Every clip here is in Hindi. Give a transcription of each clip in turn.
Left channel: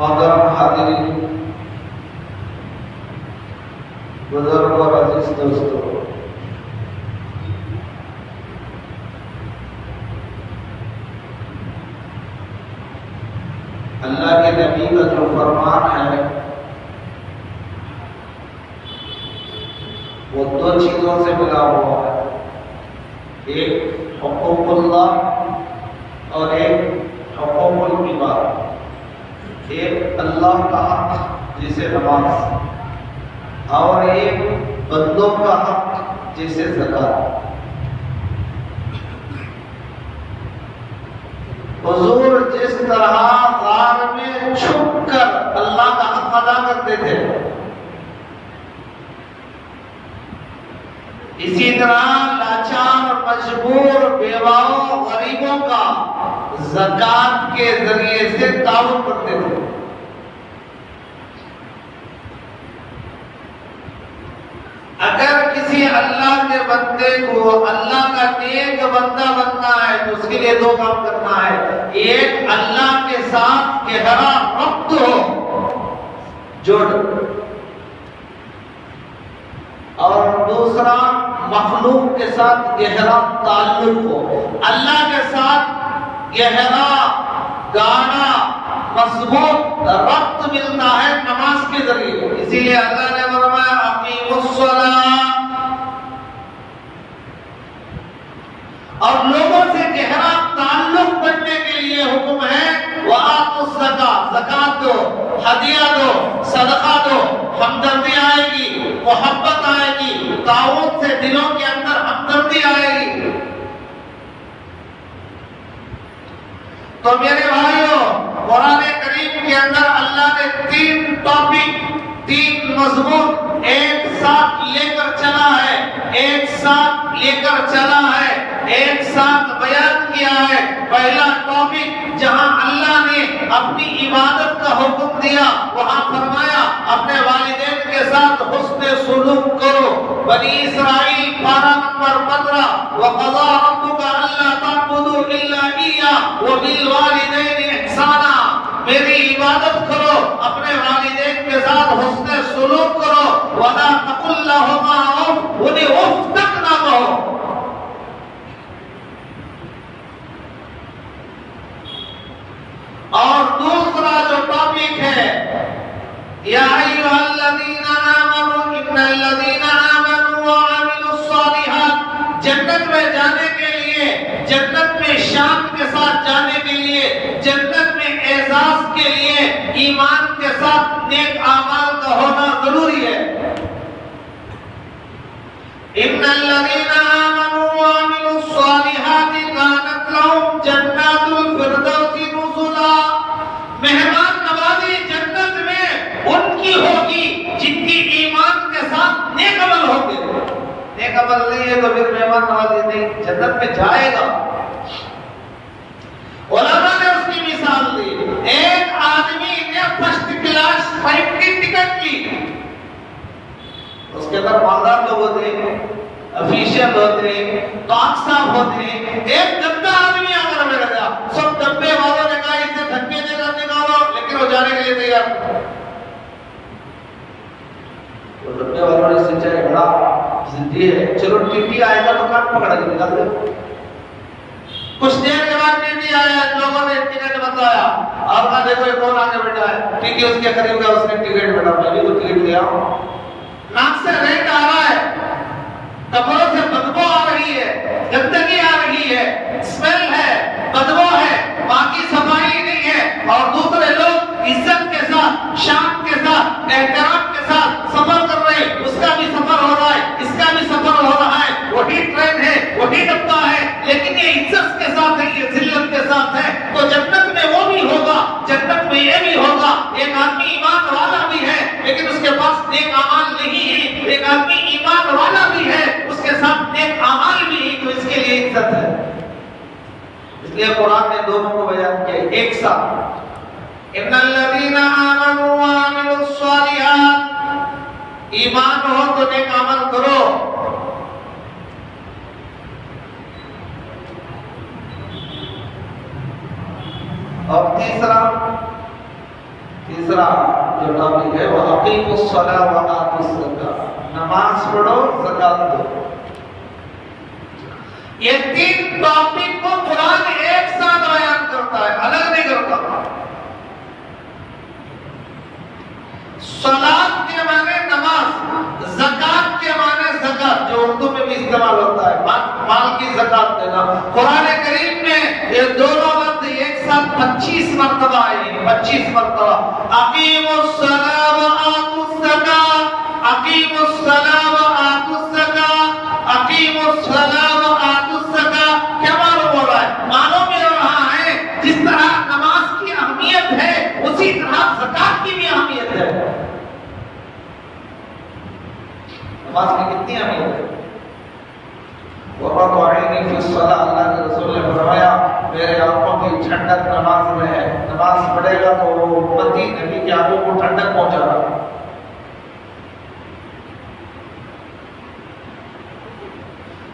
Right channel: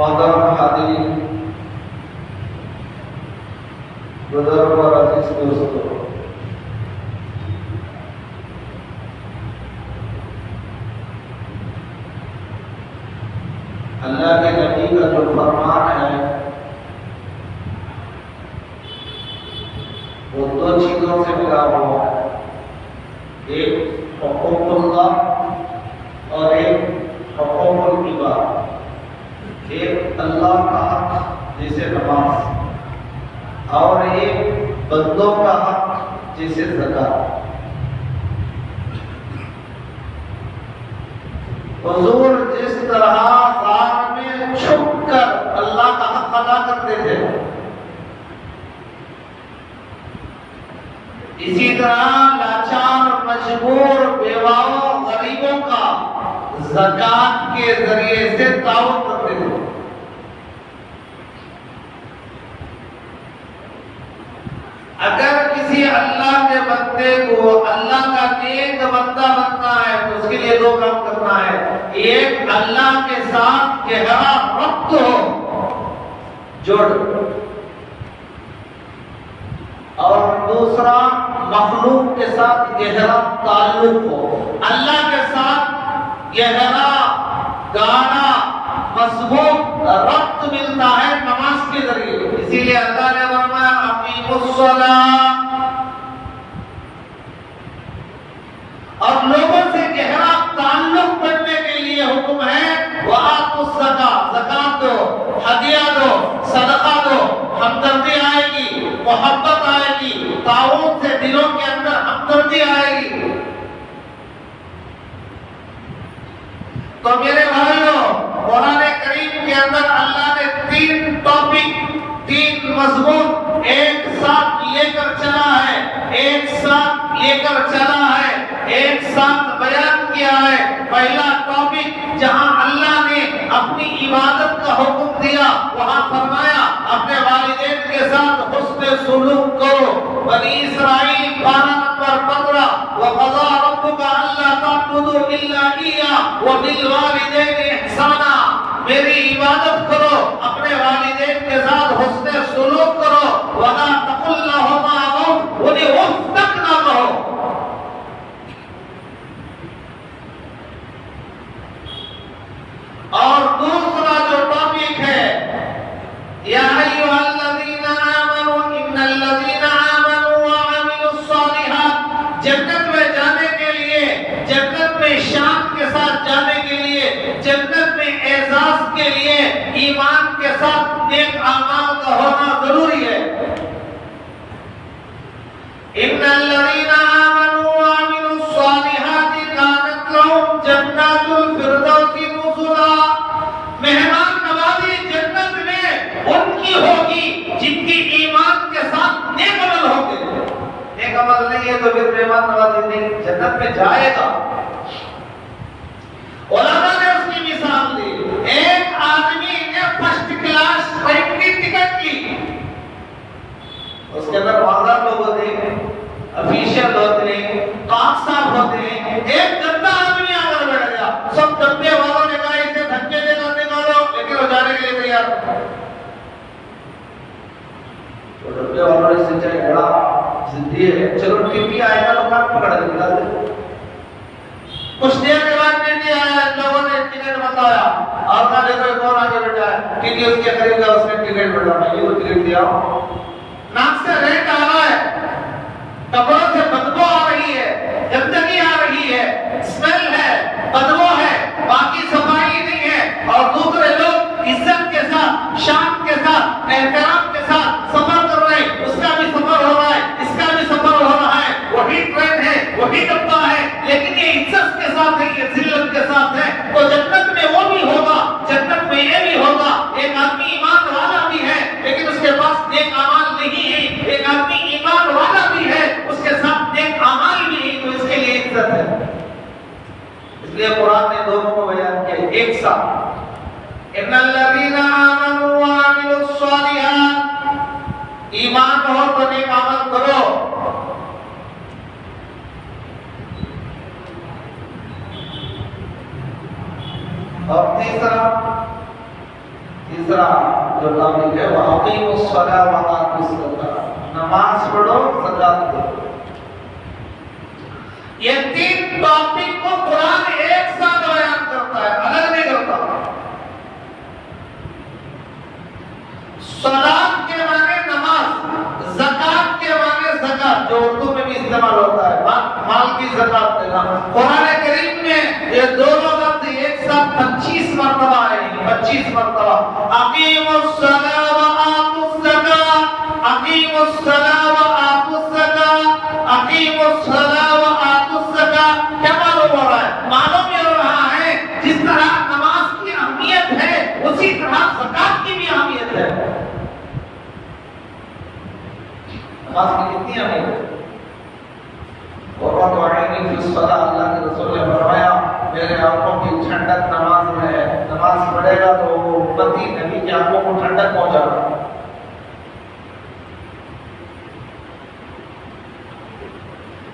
मोहतरम हाज़िरीन बुजुर्ग और अजीज दोस्तों अल्लाह के नबी का जो फरमान है वो दो चीजों से मिला हुआ है एक हुकूकुल्लाह और एक हुकूकुल इबाद एक अल्लाह का हक जिसे नमाज और एक बंदों का हक जिसे ज़कात। हुजूर जिस तरह ग़ार में छुपकर अल्लाह का हक अदा करते थे इसी तरह लाचार मजबूर बेवाओं गरीबों का ज़कात के जरिए से ताल्लुक करते थे। अगर किसी अल्लाह के बंदे को अल्लाह का नेक बंदा बनना है तो उसके लिए दो काम करना है। एक अल्लाह के साथ गहरा रब्त हो जुड़ और दूसरा मखलूक के साथ गहरा ताल्लुक हो। अल्लाह के साथ गहरा, गाढ़ा, मजबूत रब्त मिलता है नमाज के जरिए। इसीलिए अल्लाह ने फरमाया अकीमुस्सलाह, और लोगों से गहरा ताल्लुक बनने के लिए हुक्म है वआतुस ज़कात, ज़कात दो, हदिया दो, सदका दो। हमदर्दी आएगी, मोहब्बत आएगी, ताउन से दिलों के अंदर हमदर्दी आएगी। तो मेरे भाइयों, कुरान करीम के अंदर अल्लाह ने 3 टॉपिक, 3 मजमून एक साथ लेकर चला है, एक साथ लेकर चला है, एक साथ बयान किया है। पहला टॉपिक जहां अल्लाह ने अपनी इबादत का हुक्म दिया, वहां फरमाया अपने वालिदैन के साथ हुस्न सुलूक करो। बनी इसराइल 12 नंबर 15, वक़ज़ा रब्बुका अल्ला तअबुदू इल्ला इय्याहु व बिल वालिदैनि इहसाना। मेरी इबादत करो, अपने वालिदैन के साथ हुस्न सुलूक करो। वला तकुल लहुमा उफ, उन्हें उफ तक ना कहो। और दूसरा जो टॉपिक है, या अय्युहल्लज़ीना आमनू इन्नल्लज़ीना आमनू व अमिलुस्सालिहात, जन्नत में जाने के लिए, जन्नत में शान के साथ जाने के लिए, जन्नत में एजाज के लिए ईमान के साथ नेक अमाल का होना जरूरी है। इन्नल्लज़ीना आमनू व अमिलुस्सालिहात कानत लहुम जन्नातुल फिरदौसी नुज़ुला। मेहमान नवाजी जन्नत में उनकी होगी जिनकी ईमान के साथ नेक अमल होंगे। नेक अमल नहीं है तो फिर मेहमान नवाजी नहीं, जन्नत में जाएगा। उलमा ने उसकी मिसाल दी। एक आदमी ने फर्स्ट क्लास फ्लाइट की टिकट ली, उसके अंदर मालदार लोग होते हैं, ऑफिशियल होते हैं, कागजात होते हैं। एक गंदा आदमी आकर बैठ गया, सब डब्बे वालों ने कहा इसे धक्के देना निकालो, लेकिन वो जाने के लिए तैयार था। तो डब्बे वालों ने सोचा बड़ा जिद्दी है, चलो टीटी आएगा तो कान पकड़ के निकाल दो। कुछ देर के बाद टीटी आया, लोगों ने टिकट बताया, और कहा देखो कौन आगे बैठा है। टीटी उसके करीब गया, उसने टिकट बता, मैं भी तो टिकट दिया। नाक से रेत आ रहा है, कपड़ों से बदबू आ रही है, गंदगी आ रही है, स्मेल है, बदबू है, बाकी सफाई नहीं है। और दूसरे लोग इज्जत के साथ, शान के साथ, एहतराम के साथ सफर कर रहे हैं। उसका भी सफर हो रहा है, इसका भी सफर हो रहा है, वही ट्रेन है, वही डब्बा है, लेकिन ये इज्जत के साथ है, ये जिल्लत के साथ है। तो जन्नत में वो भी होगा, जन्नत में ये भी होगा। एक आदमी ईमान वाला भी है, लेकिन उसके पास नेक अमाल नहीं है। एक आदमी ईमान वाला भी है, उसके साथ नेक अमाल भी है, तो इसके लिए इज्जत है। इसलिए कुरान ने दोनों को बयान किया एक साथ। इन्नल्लज़ीना आमनू व अमिलुस्सालिहात, ईमान हो तो नेक अमल करो। और तीसरा जो टॉपिक है वो अकीमुस्सलाह व आतुस ज़कात, नमाज पढ़ो, ज़कात दो। ये 3 टॉपिक को कुरान एक साथ बयान करता है, अलग नहीं करता। सलात के माने नमाज, ज़कात के माने ज़कात, जो उर्दू में भी इस्तेमाल होता है, माल की ज़कात देना। कुरान करीम में ये दोनों लफ्ज़ एक साथ 25 मरतबा आए, 25 मरतबा। अकीमुस्सलाह व आतुस ज़कात, अकीमुस्सलाह व आतुस ज़कात, अकीमुस्सलाह व आतुस ज़कात। क्या मालूम हो रहा है? मालूम ये हो रहा है जिस तरह नमाज की अहमियत है, उसी तरह ज़कात की भी अहमियत है। नमाज की कितनी अहमियत है? अल्लाह के रसूल ने फरमाया मेरे आंखों की ठंडक नमाज में है। नमाज पढ़ेगा तो उम्मती नबी की आंखों को ठंडक पहुंचाएगा।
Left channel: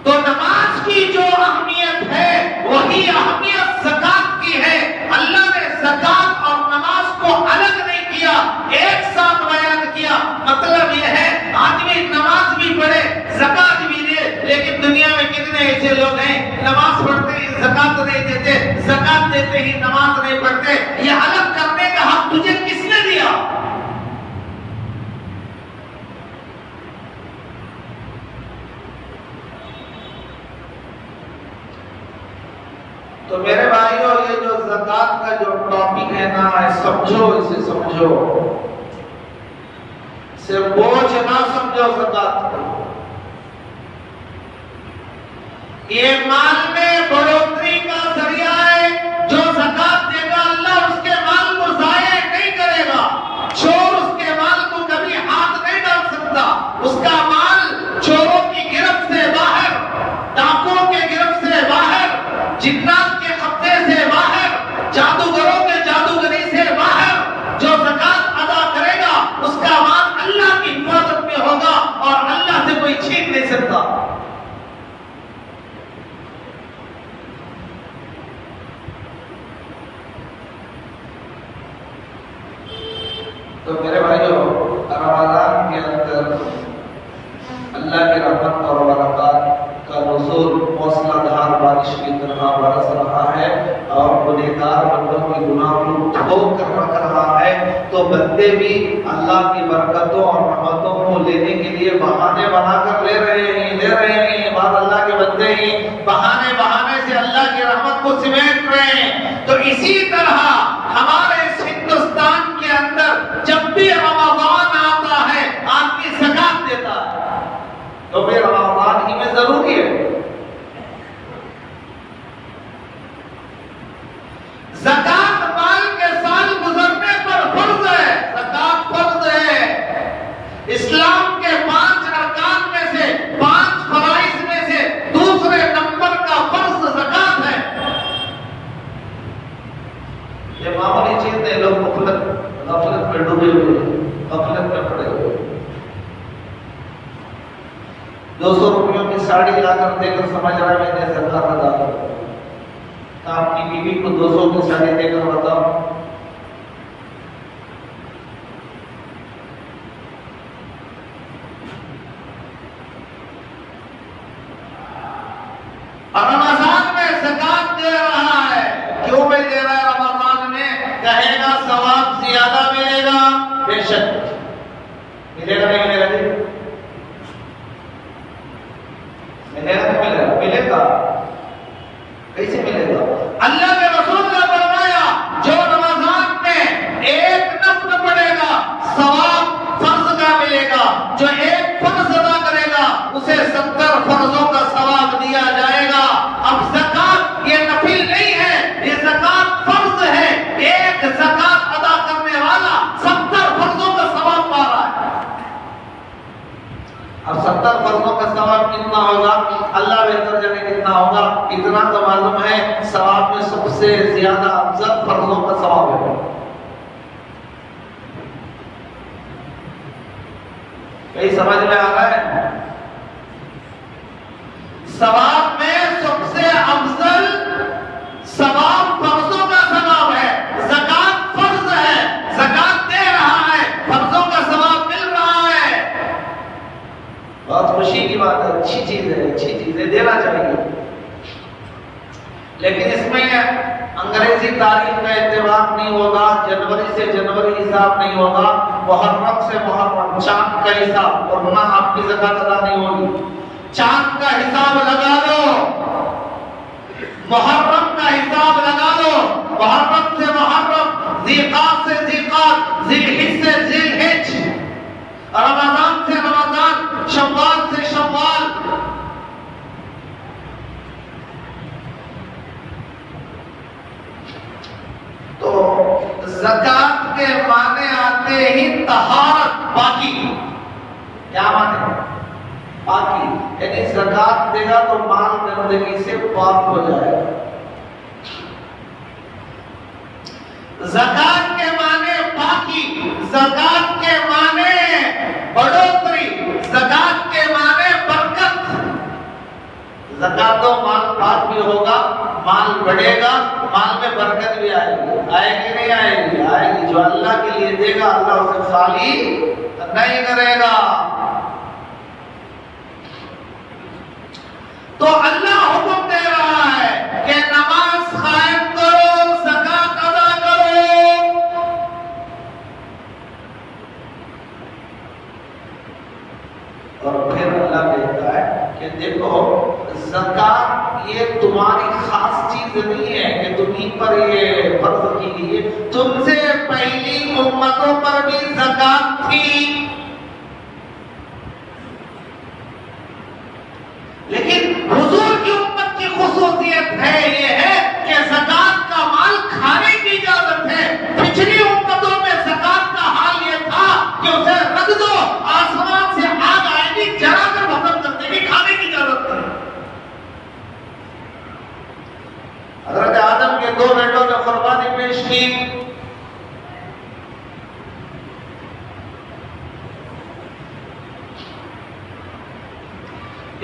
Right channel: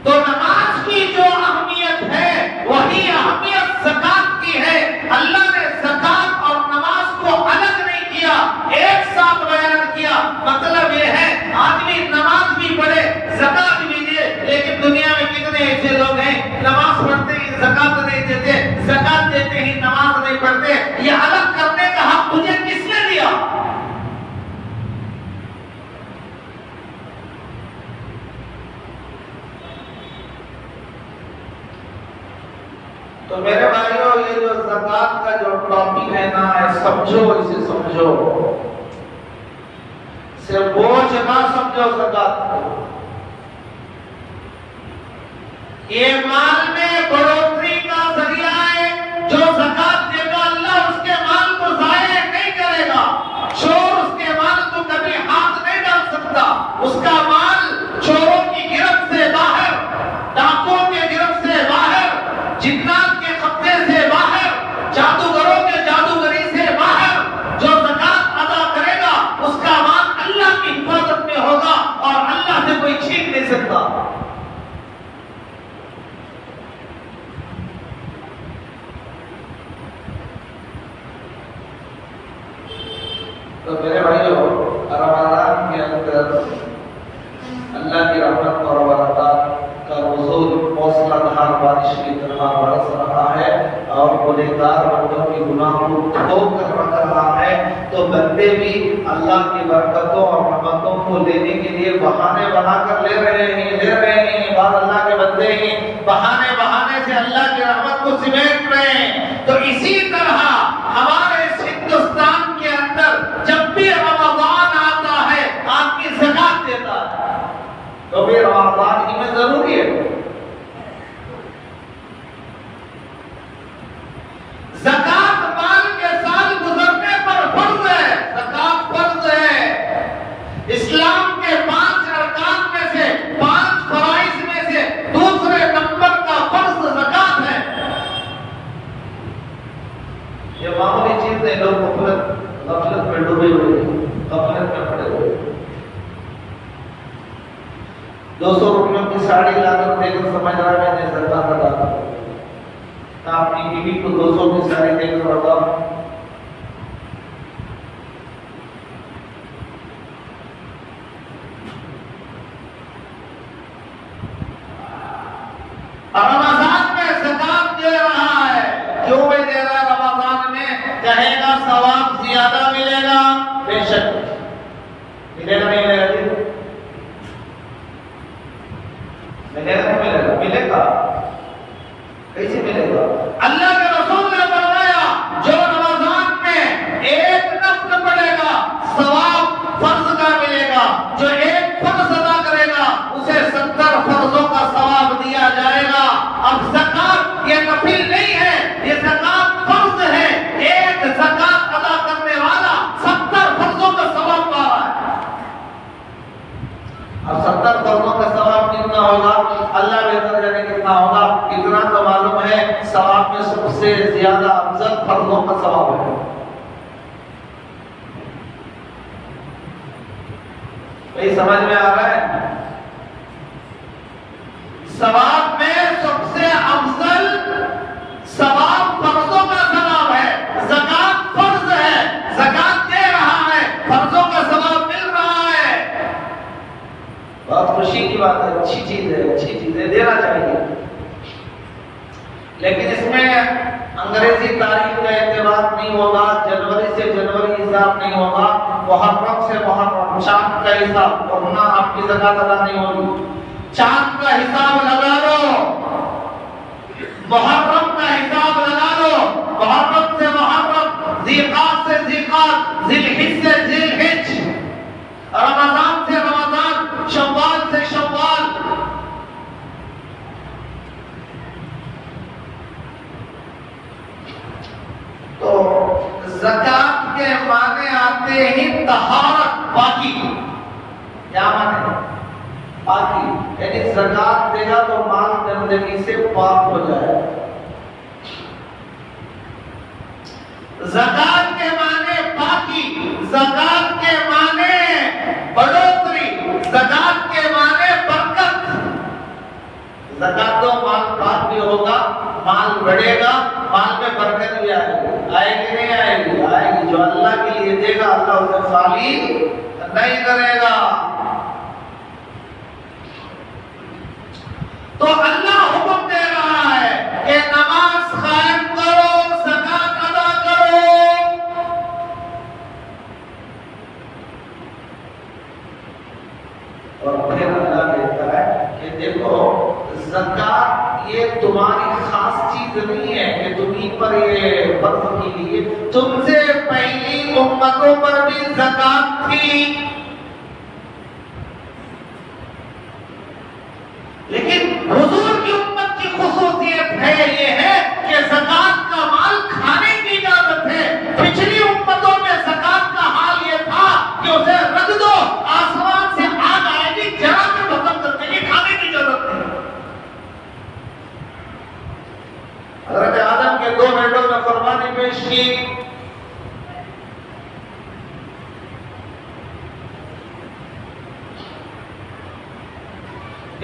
तो नमाज की जो अहमियत है वही अहमियत ज़कात की है। अल्लाह ने ज़कात और नमाज को अलग नहीं किया, एक साथ बयान किया। मतलब यह है आदमी नमाज भी पढ़े, ज़कात भी दे, लेकिन दुनिया में कितने ऐसे लोग हैं नमाज पढ़ते हैं, ज़कात नहीं देते, ज़कात ही नमाज नहीं पढ़ते, ये अलग करने का हक तुझे किसने दिया? तो मेरे भाइयों, ये जो ज़कात का जो टॉपिक है ना, समझो, इसे समझो, सिर्फ बोझ ना समझो ज़कात को। ये माल में बढ़ोतरी का जरिया है। जो ज़कात देगा अल्लाह उसके माल को ज़ाया नहीं करेगा। चोर उसके माल को कभी हाथ नहीं डाल सकता। उसका माल चोरों की गिरफ्त से बाहर, डाकुओं के गिरफ्त से बाहर, जिन्नात के कब्जे से बाहर, जादूगरों के जादूगरी से बाहर, जो ज़कात अदा करेगा उसका माल अल्लाह की हिफाजत में होगा और अल्लाह से कोई छीन नहीं सकता। तो मेरे भाइयों, रमजान के अंदर अल्लाह की रहमत और बरकत का नुज़ूल मौसलाधार बारिश की तरह बरस रहा है और गुनहगार बंदों के गुनाहों को धो कर रख रहा है। तो बंदे भी अल्लाह की बरकतों और रहमतों को लेने के लिए बहाने बनाकर ले रहे हैं। बाद अल्लाह के बंदे ही बहाने से अल्लाह की रहमत को सिमेट रहे हैं। तो इसी तरह हमारे हिंदुस्तान के अंदर जब भी रमजान आता है आदमी ज़कात देता है, तो फिर रमजान ही में जरूरी है। ज़कात माल के साल गुजरने पर फर्ज है। ज़कात फर्ज है। इस्लाम के 5 अरकान में से, 5 फराइज में से दूसरे नंबर का फर्ज ज़कात है। ये मामूली चीज नहीं, लोग गफलत में डूबे हुए हैं, गफलत में पड़े हुए हैं। 200 रुपयों की साड़ी लाकर देकर समझ रहा है मैंने ज़कात अदा की। अपनी बीवी को 200 की साड़ी देकर बताओ, रमजान में ज़कात दे रहा है। क्यों में दे रहा है? रमजान में कहेगा सवाब ज्यादा मिलेगा। बेशक मिलेगा, नहीं मिलेगा? मिलेगा। कैसे मिलेगा? अल्लाह के रसूल ने फरमाया, जो रमजान में एक नफ्ल पढ़ेगा सवाब फर्ज का मिलेगा। जो एक फर्ज अदा करेगा उसे 70 फर्जों का सवाब दिया जाएगा। अब ज़कात ये नफिल नहीं है, ये ज़कात फर्ज है। एक ज़कात अदा करने वाला 70 फर्जों का सवाब पा रहा है। अब 70 फर्जों का सवाब कितना होगा? अल्लाह बेहतर जाने कितना होगा। इतना तो मालूम है, सवाब में सबसे ज्यादा अफजल फर्जों का सवाब है। यही समझ में आ रहा है? सवाब में सबसे अफजल सवाब फर्जों का सवाब है। ज़कात फर्ज है, ज़कात दे रहा है, फर्जों का सवाब मिल रहा है। बहुत खुशी की बात है, अच्छी चीज है, देना चाहिए। लेकिन इसमें अंग्रेजी तारीख का एतबार नहीं होगा, जनवरी से जनवरी हिसाब नहीं होगा, मुहर्रम से मुहर्रम, चांद का हिसाब, वरना आपकी ज़कात अदा नहीं होगी। चांद का हिसाब लगा लो, मुहर्रम का हिसाब लगा लो, मुहर्रम से मुहर्रम, ज़िलक़ाद से ज़िलक़ाद, ज़िलहिज से ज़िलहिज, रमज़ान से रमज़ान, शव्वाल से शव्वाल। तो ज़कात के माने आते ही तहारत, पाकी। क्या माने? पाकी। यानी ज़कात देगा तो माल गंदगी से पाक हो जाएगा। ज़कात के माने पाकी, ज़कात के माने बढ़ोतरी, ज़कात के माने बरकत। ज़कात तो माल पाक भी होगा, माल बढ़ेगा, माल में बरकत भी आएगी। आएगी नहीं आएगी? आएगी। जो अल्लाह के लिए देगा अल्लाह उसे खाली नहीं करेगा। तो अल्लाह हुक्म दे रहा है कि नमाज कायम करो, चीज नहीं है कि तुम्ही पर ये फर्ज की है, तुमसे पहली उम्मतों पर भी ज़कात थी। लेकिन हुजूर की उम्मत की खुसूसियत है ये है कि ज़कात का माल खाने की इजाजत है। पिछली उम्मतों में ज़कात का हाल ये था कि उसे रख दो, आसमान से आग आएगी, जरा कर खत्म कर देगी, खाने की इजाजत नहीं। हज़रत आदम के 2 बेटों ने कुर्बानी पेश की।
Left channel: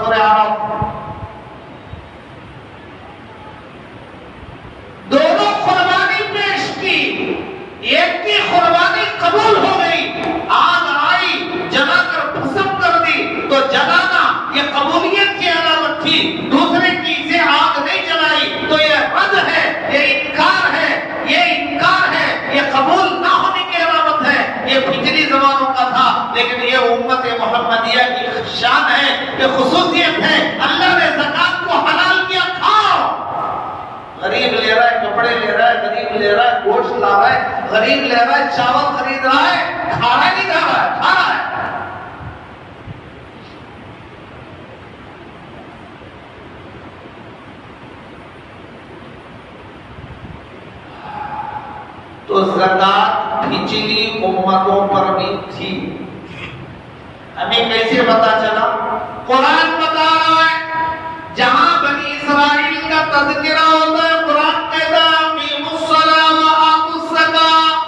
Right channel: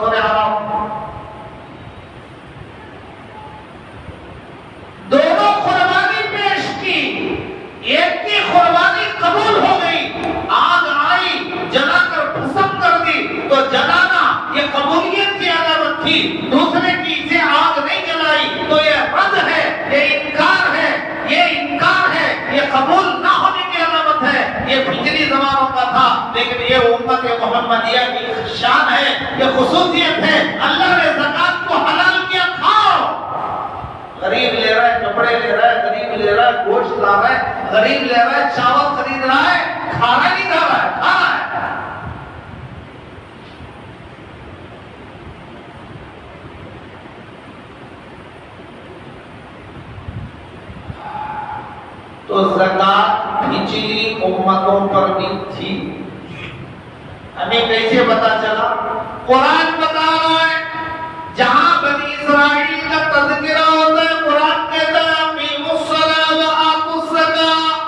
सूरह अराफ। दोनों कुर्बानी पेश की, एक की कुर्बानी कबूल हो गई, आग आई जलाकर भस्म कर दी, तो जलाना ये कबूलियत की अलामत थी। दूसरे की से आग नहीं जलाई तो ये रद्द है, ये इनकार है, ये इनकार है, ये कबूल ना होने की अलामत है। ये पिछली ज़मानों का था, लेकिन ये उम्मत मोहम्मदिया की शान है, ये खुसूसियत है। अल्लाह ने ज़कात को हलाल किया, खाओ। गरीब ले रहा है, कपड़े ले रहा है, गरीब ले रहा है, गोश्त ला रहा है, गरीब ले रहा है, चावल खरीद रहा है, खाना नहीं खा रहा है, खा रहा है। तो ज़कात पिछली उम्मतों पर भी थी। हमें कैसे पता चला? कुरान बता रहा है, जहां बनी इस्राइल का तज़किरा होता है, कुरान कहता है अक़ीमुस्सलाह व आतुज़्ज़कात,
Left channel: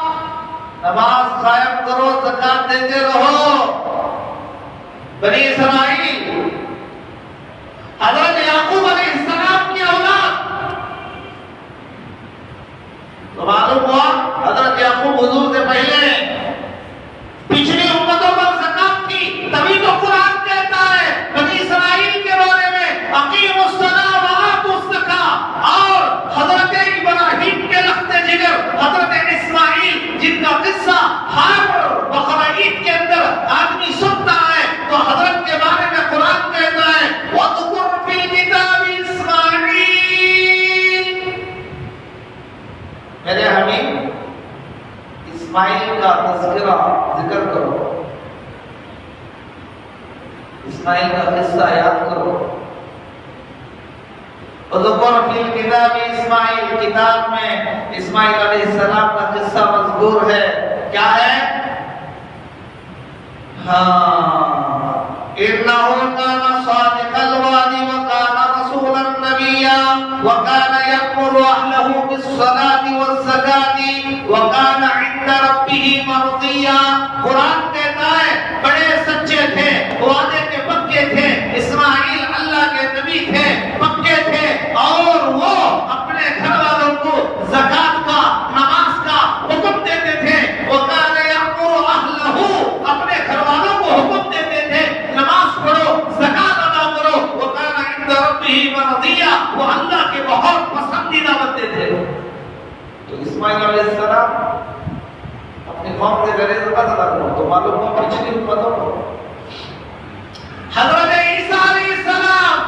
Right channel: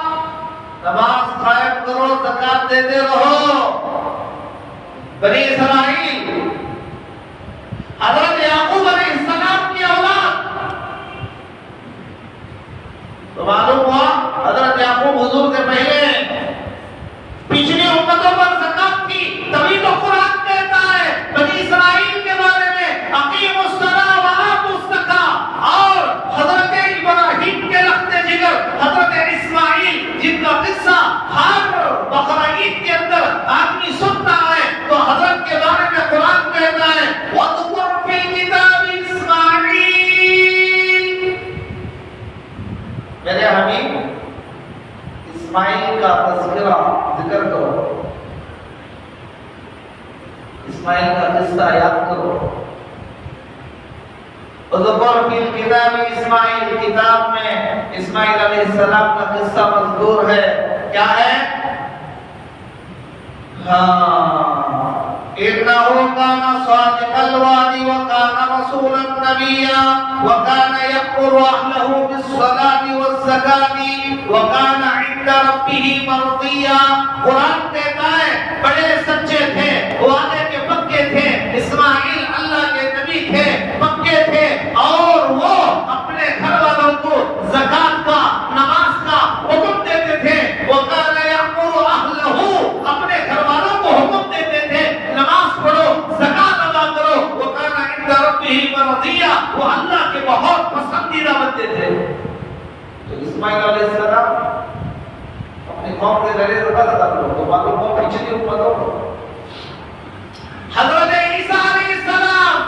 नमाज कायम करो, ज़कात देते रहो। बनी इस्राइल हज़रत याकूब अलैहिस्सलाम की औलाद, तो मालूम हुआ हज़रत याकूब हुजूर से पहले पिछली उम्मतों पर ज़कात थी। तभी तो कुरान कहता है बनी इस्राइल के बारे में अक़ीमुस्सलाह व आतुज़्ज़कात। और हज़रत इब्राहीम के रख्ते जिगर हज़रत इस्माइल, जिनका किस्सा हर बकरा ईद के अंदर आदमी सुनता है, तो हज़रत के बारे में कुरान कहता है वज़कुर फ़िल किताबि इस्माइल। मेरे हबीब इस्माइल का तज़किरा जिक्र करो, इस्माइल का किस्सा याद करो। वज़कुर फ़िल किताबि इस्माइल, किताब में इस्माइल अलैहिस्सलाम का किस्सा मज़कूर है। क्या है? हाँ, इन्नहु काना सादिक़ल वादी व काना रसूलन नबिय्या व काना यअमुरु अहलहु बिस्सलाति वज़्ज़काति व काना इंदा रब्बिही मर्दिय्या। कुरान कहता है बड़े सच्चे थे, वादे के पक्के थे, इस्माइल अल्लाह के नबी थे, पक्के थे, और वो अपने घर वालों को ज़कात का, नमाज का हुक्म देते थे। वो काना यअमुरु अहलहु, अपने घर वालों को हुक्म देते थे नमाज पढ़ो, ज़कात अदा करो। वो काना इंदा रब्बिही मर्दिय्या, वो अल्लाह के बहुत पसंदीदा बंदे थे। तो इस्माइल अलैहिस्सलाम अपनी कौम के ज़रिए ज़कात अदा करो, तो मालूम हो पिछली उम्मतों को। हज़रत ईसा अलैहिस्सलाम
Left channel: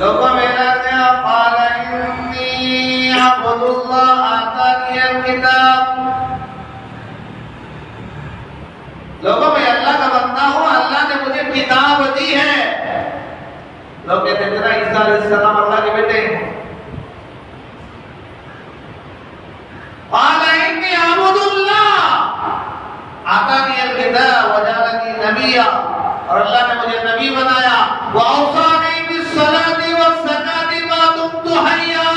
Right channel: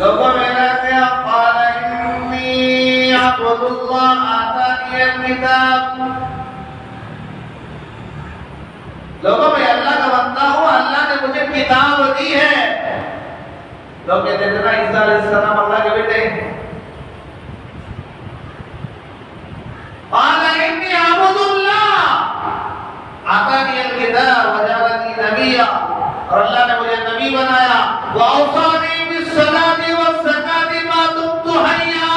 लोगों में कहते हैं क़ाल इन्नी अब्दुल्लाह आतानियल किताब, लोगों में अल्लाह का बंदा हूँ, अल्लाह ने मुझे किताब दी है। लोग कहते थे ना ईसा अलैहिस्सलाम अल्लाह के बेटे हैं। क़ाल इन्नी अब्दुल्लाह आतानियल किताब व जअलनी नबिय्या, और अल्लाह ने मुझे नबी बनाया। व औसानी बिस्सलाति वज़्ज़काति मा दुम्तु हय्या,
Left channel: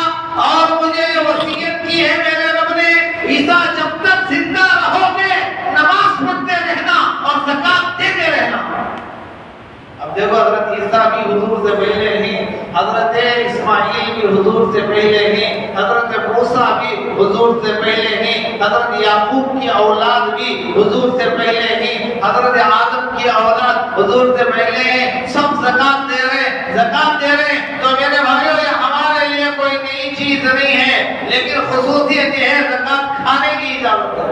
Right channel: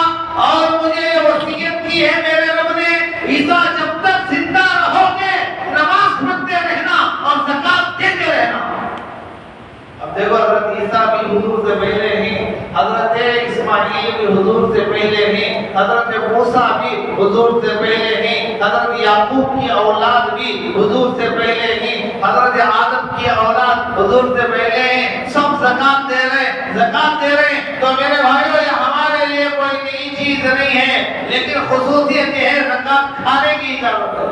और मुझे वसीयत की है मेरे रब ने, ईसा जब तक जिंदा रहोगे नमाज पढ़ते रहना और ज़कात देते रहना। अब देखो हज़रत ईसा भी हुजूर से पहले ही, हज़रत इस्माइल भी हुजूर से पहले ही, हज़रत मूसा भी हुजूर से पहले ही, हज़रत याकूब की औलाद भी हुजूर से पहले ही, हज़रत आदम की औलाद हुजूर से पहले ही, सब ज़कात दे रहे, ज़कात दे रहे। तो मेरे भाइयों, ये हमारे लिए कोई नई चीज नहीं है, लेकिन खुसूसियत ये है ज़कात खाने की इजाजत है।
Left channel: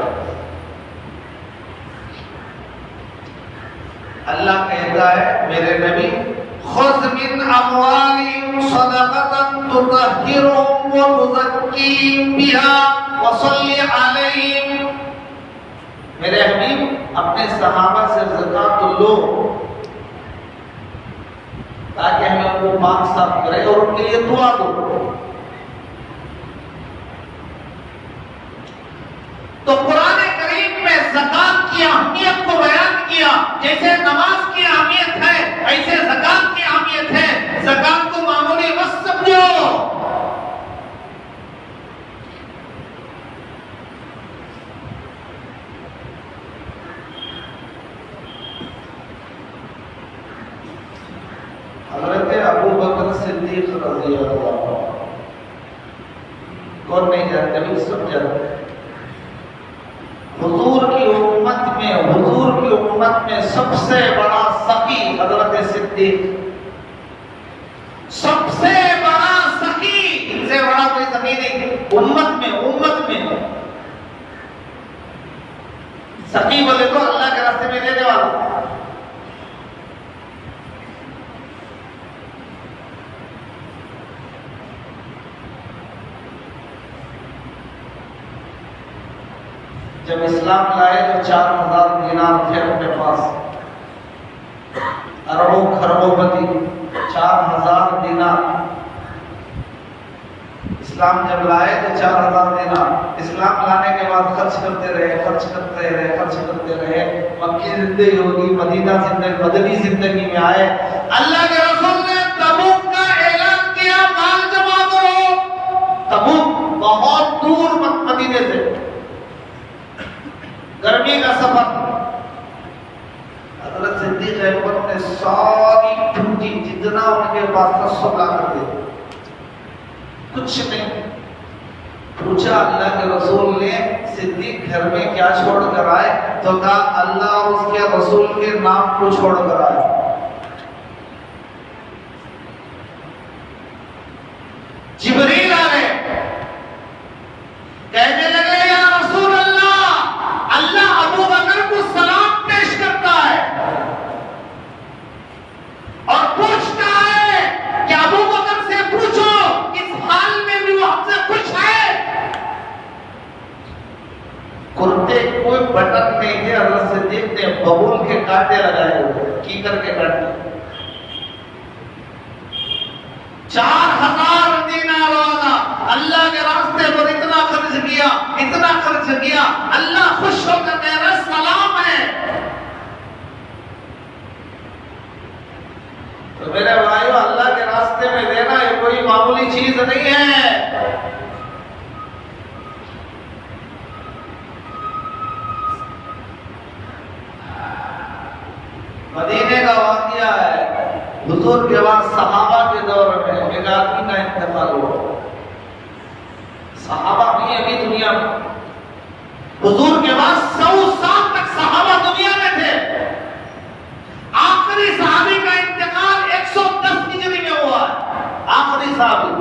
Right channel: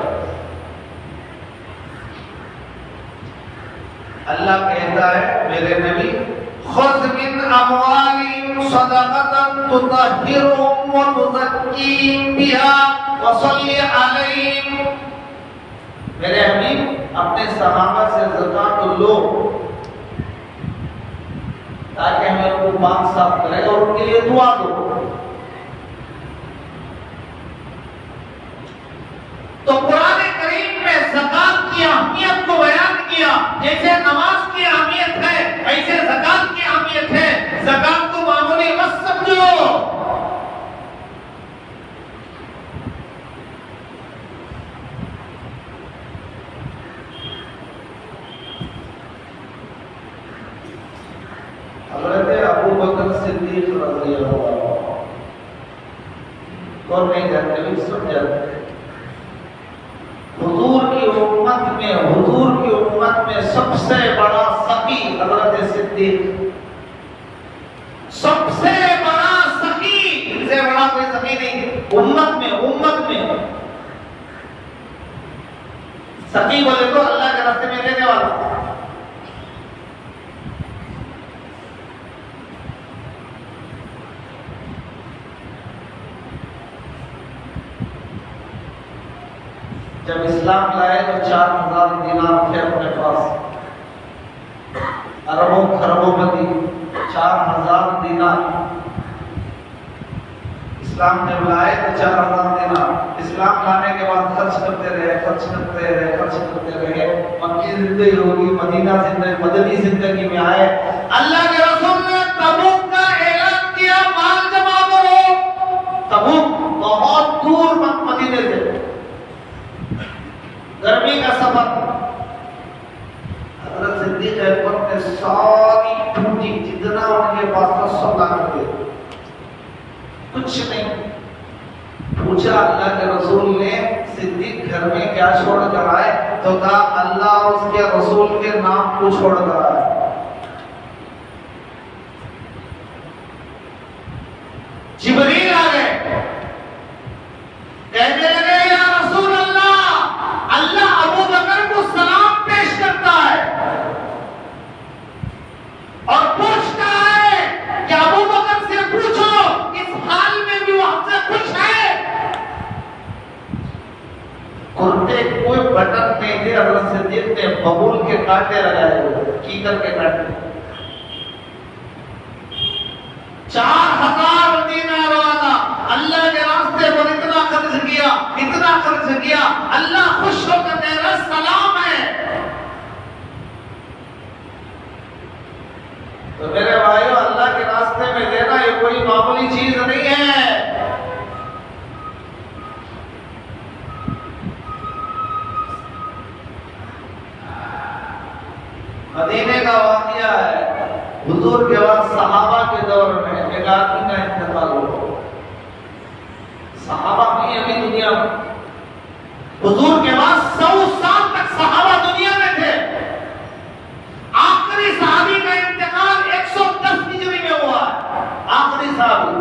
अल्लाह कहता है मेरे नबी खुज़ मिन अमवालिहिम सदक़तन तुतहिरुहुम व तुज़क्कीहिम बिहा व सल्ली अलैहिम। मेरे हबीब अपने सहाबा से ज़कात लो ताकि हमें उनको पाक साफ करे और उनके लिए दुआ दो। तो कुरान करीम में ज़कात की अहमियत को बयान किया। जैसे नमाज की अहमियत है ऐसे ज़कात की अहमियत है। ज़कात को मामूली मत समझो। हज़रत अबू बकर सिद्दीक़ रज़ियल्लाहु अन्हु कौन नहीं जानते, भी सब जानते। हुजूर की उम्मत में सबसे बड़ा सखी हज़रत सिद्दीक़, सबसे बड़ा सखी, इनसे बड़ा कोई सखी नहीं उम्मत में। सखी बोले तो अल्लाह के रास्ते में देने वाला। जब इस्लाम लाए तो 4000 दिनार थे अपने पास, अरबों खरबोपति 4000 दिनार। इस्लाम जब लाए तो 4000 दिनार। इस्लाम लाने के बाद खर्च करते रहे। मक्की जिंदगी होगी, मदीना जिंदगी, मदनी जिंदगी में आए। अल्लाह के रसूल ने तबूक का ऐलान किया, माल जमा करो। तबूक बहुत दूर मदीने से, गर्मी का सफर। हज़रत सिद्दीक़ अकबर ने सारी पूंजी जितना उनके पास था सब ला कर दिया, कुछ नहीं पूछा। अल्लाह के रसूल ने सिद्दीक़ घर में क्या छोड़ कर आए तो कहा अल्लाह और उसके रसूल के नाम को छोड़ कर आए। जिब्रील आ गए, कहने लगे या रसूल अल्लाह, अल्लाह अबू बकर को सलाम पेश करता है और पूछता है कि अबू बकर से पूछो इस हाल में भी वो हमसे खुश है। कुर्ते कोई बटन नहीं थे, हज़रत सिद्दीक़ ने बबूल के कांटे लगाए हुए, कीकर के कांटे। 4000 दीनार वाला अल्लाह के रास्ते पर इतना खर्च किया, अल्लाह खुश होकर तेरा सलाम है। तो मेरे भाइयों, अल्लाह के रास्ते में देना ये कोई मामूली चीज नहीं है। मदीने का वाक़या है, हुजूर के बाद सहाबा के दौर में एक आदमी का इंतकाल हुआ। सहाबा भी अभी दुनिया में, हुजूर के बाद 100 साल तक सहाबा दुनिया में थे। आखिरी सहाबी का इंतकाल 110 हिजरी में हुआ, आखिरी सहाबी।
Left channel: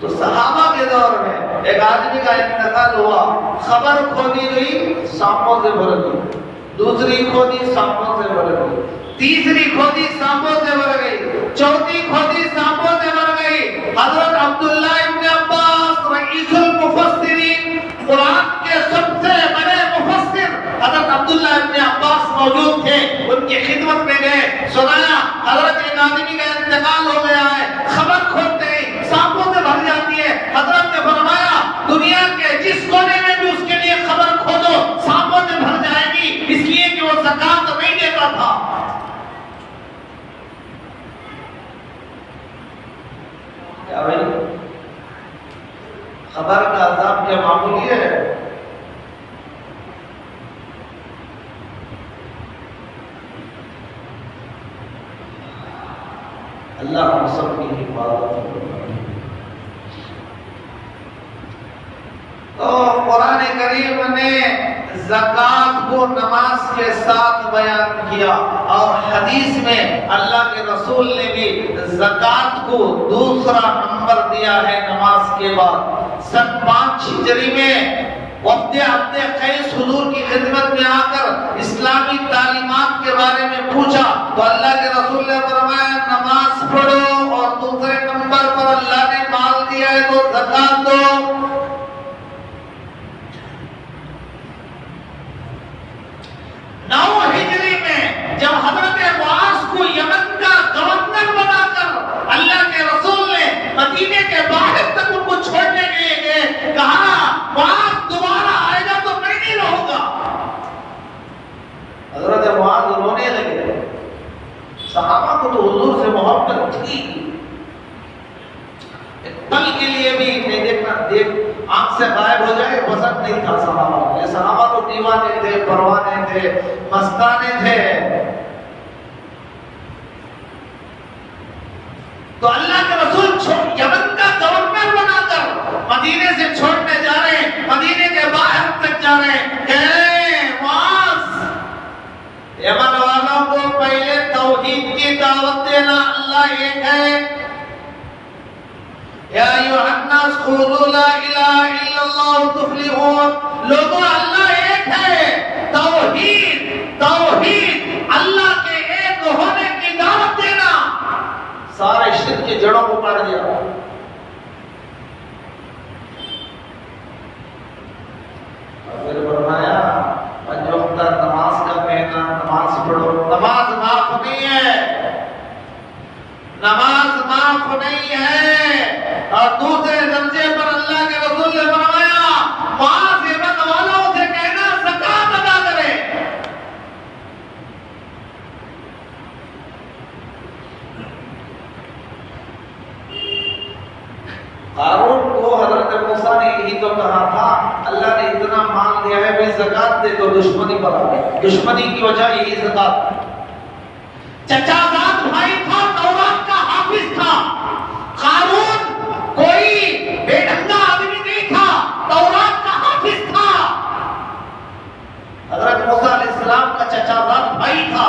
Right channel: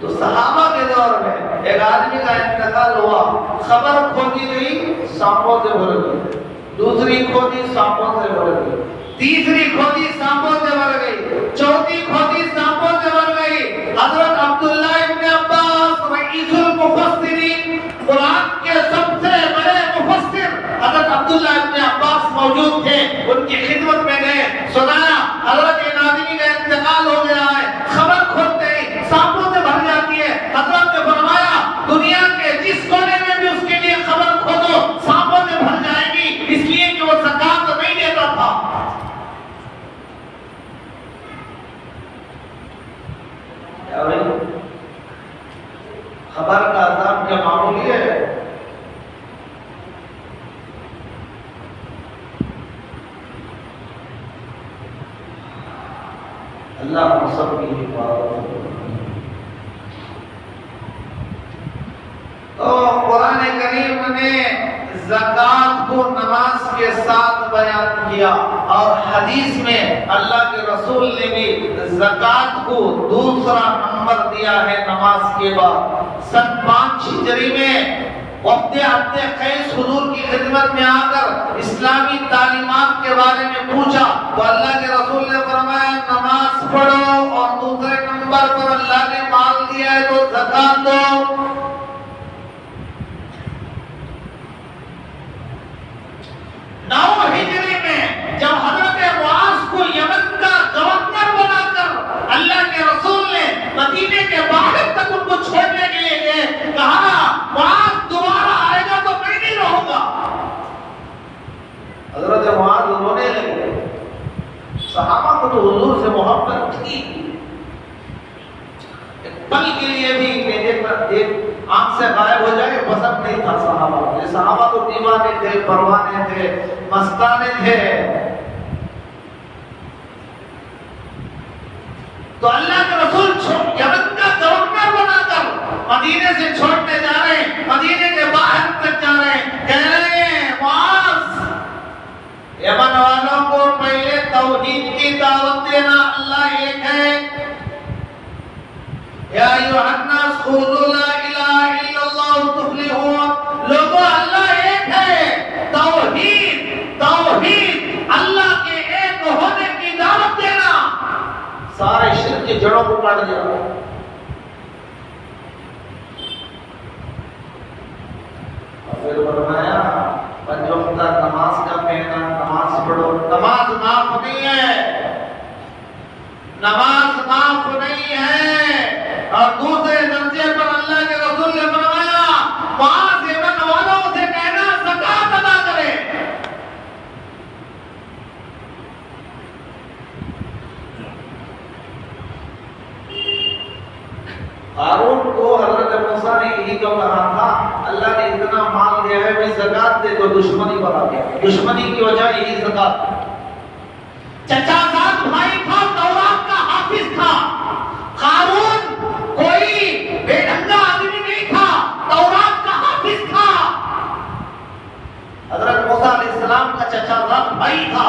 तो सहाबा के दौर में एक आदमी का इंतकाल हुआ, खबर खोदी गई, सांपों से भर गई, दूसरी खोदी सांपों से भर गई, तीसरी खोदी सांपों से भर गई, चौथी खोदी सांपों से भर गई। हज़रत अब्दुल्लाह इब्न अब्बास रईसुल मुफस्सिरीन, कुरान के सबसे बड़े मुफस्सिर हज़रत अब्दुल्लाह इब्न अब्बास मौजूद थे। उनकी खिदमत में गए, सुनाया हज़रत एक आदमी का इंतकाल हो गया है। खबर खोदते ही सांपों से भर जाती है। हज़रत ने फरमाया दुनिया के जिस कोने में भी उसके लिए खबर खोदो सांपों से भर जाएगी, इसलिए कि वो ज़कात नहीं देता था। क्या भाई, खबर का अज़ाब क्या मामूली है? अल्लाह हम सब की हिफाजत करे। तो कुरान करीम ने ज़कात को नमाज के साथ बयान किया और हदीस में अल्लाह के रसूल ने भी ज़कात को दूसरा नंबर दिया है नमाज के बाद। सन 5 हिजरी में वफ्द अपने कैस हुजूर की खिदमत में आकर इस्लामी तालीमात के बारे में पूछा तो अल्लाह के रसूल ने फरमाया नमाज पढ़ो, और दूसरे नंबर पर अल्लाह ने माल दिया है तो ज़कात दो। 9 हिजरी में जब हज़रत मुआज़ को यमन का गवर्नर बनाकर अल्लाह के रसूल ने मदीने के बाहर तक उनको छोड़ने के लिए गए, कहा ना मुआज़ दोबारा आएगा तो मैं नहीं रहूंगा। हज़रत मुआज़ रोने लगे। सहाबा को तो हुजूर से मोहब्बत थी, पल के लिए भी एक आंख से गायब हो जाए पसंद नहीं था सहाबा को। सहाबा तो दीवाने थे, परवाने थे, मस्ताने थे। तो अल्लाह के रसूल यमन का गवर्नर बनाकर मदीने से छोड़ने जा रहे हैं, मदीने के बाहर तक जा रहे हैं, कह रहे हैं मुआज़, यमन वालों को पहले तौहीद की दावत देना, अल्लाह एक है। या अय्युहन्नास क़ूलू ला इलाहा इल्लल्लाह तुफ़्लिहून, लोगों अल्लाह एक है, तौहीद तौहीद अल्लाह के एक होने की दावत देना, सारे शिर्क की जड़ों को काट दिया। फिर फरमाया पंजोक्ता नमाज का कहना, नमाज पढ़ो, नमाज माफ नहीं है, नमाज माफ नहीं है। और दूसरे दर्जे पर अल्लाह के रसूल ने फरमाया मुआज़ यमन वालों से कहना ज़कात अदा करें। हारून को हज़रत मूसा ने यही तो कहा था, अल्लाह ने इतना माल दिया है भाई ज़कात दे दो, दुश्मनी बढ़ा दे। दुश्मनी की वजह यही ज़कात। चचाजाद भाई था, तौरात का हाफिज था। हारून कोई बेढंगा आदमी नहीं था, तौरात का हाफिज था। हज़रत मूसा अलैहिस्सलाम का चचाजाद भाई था।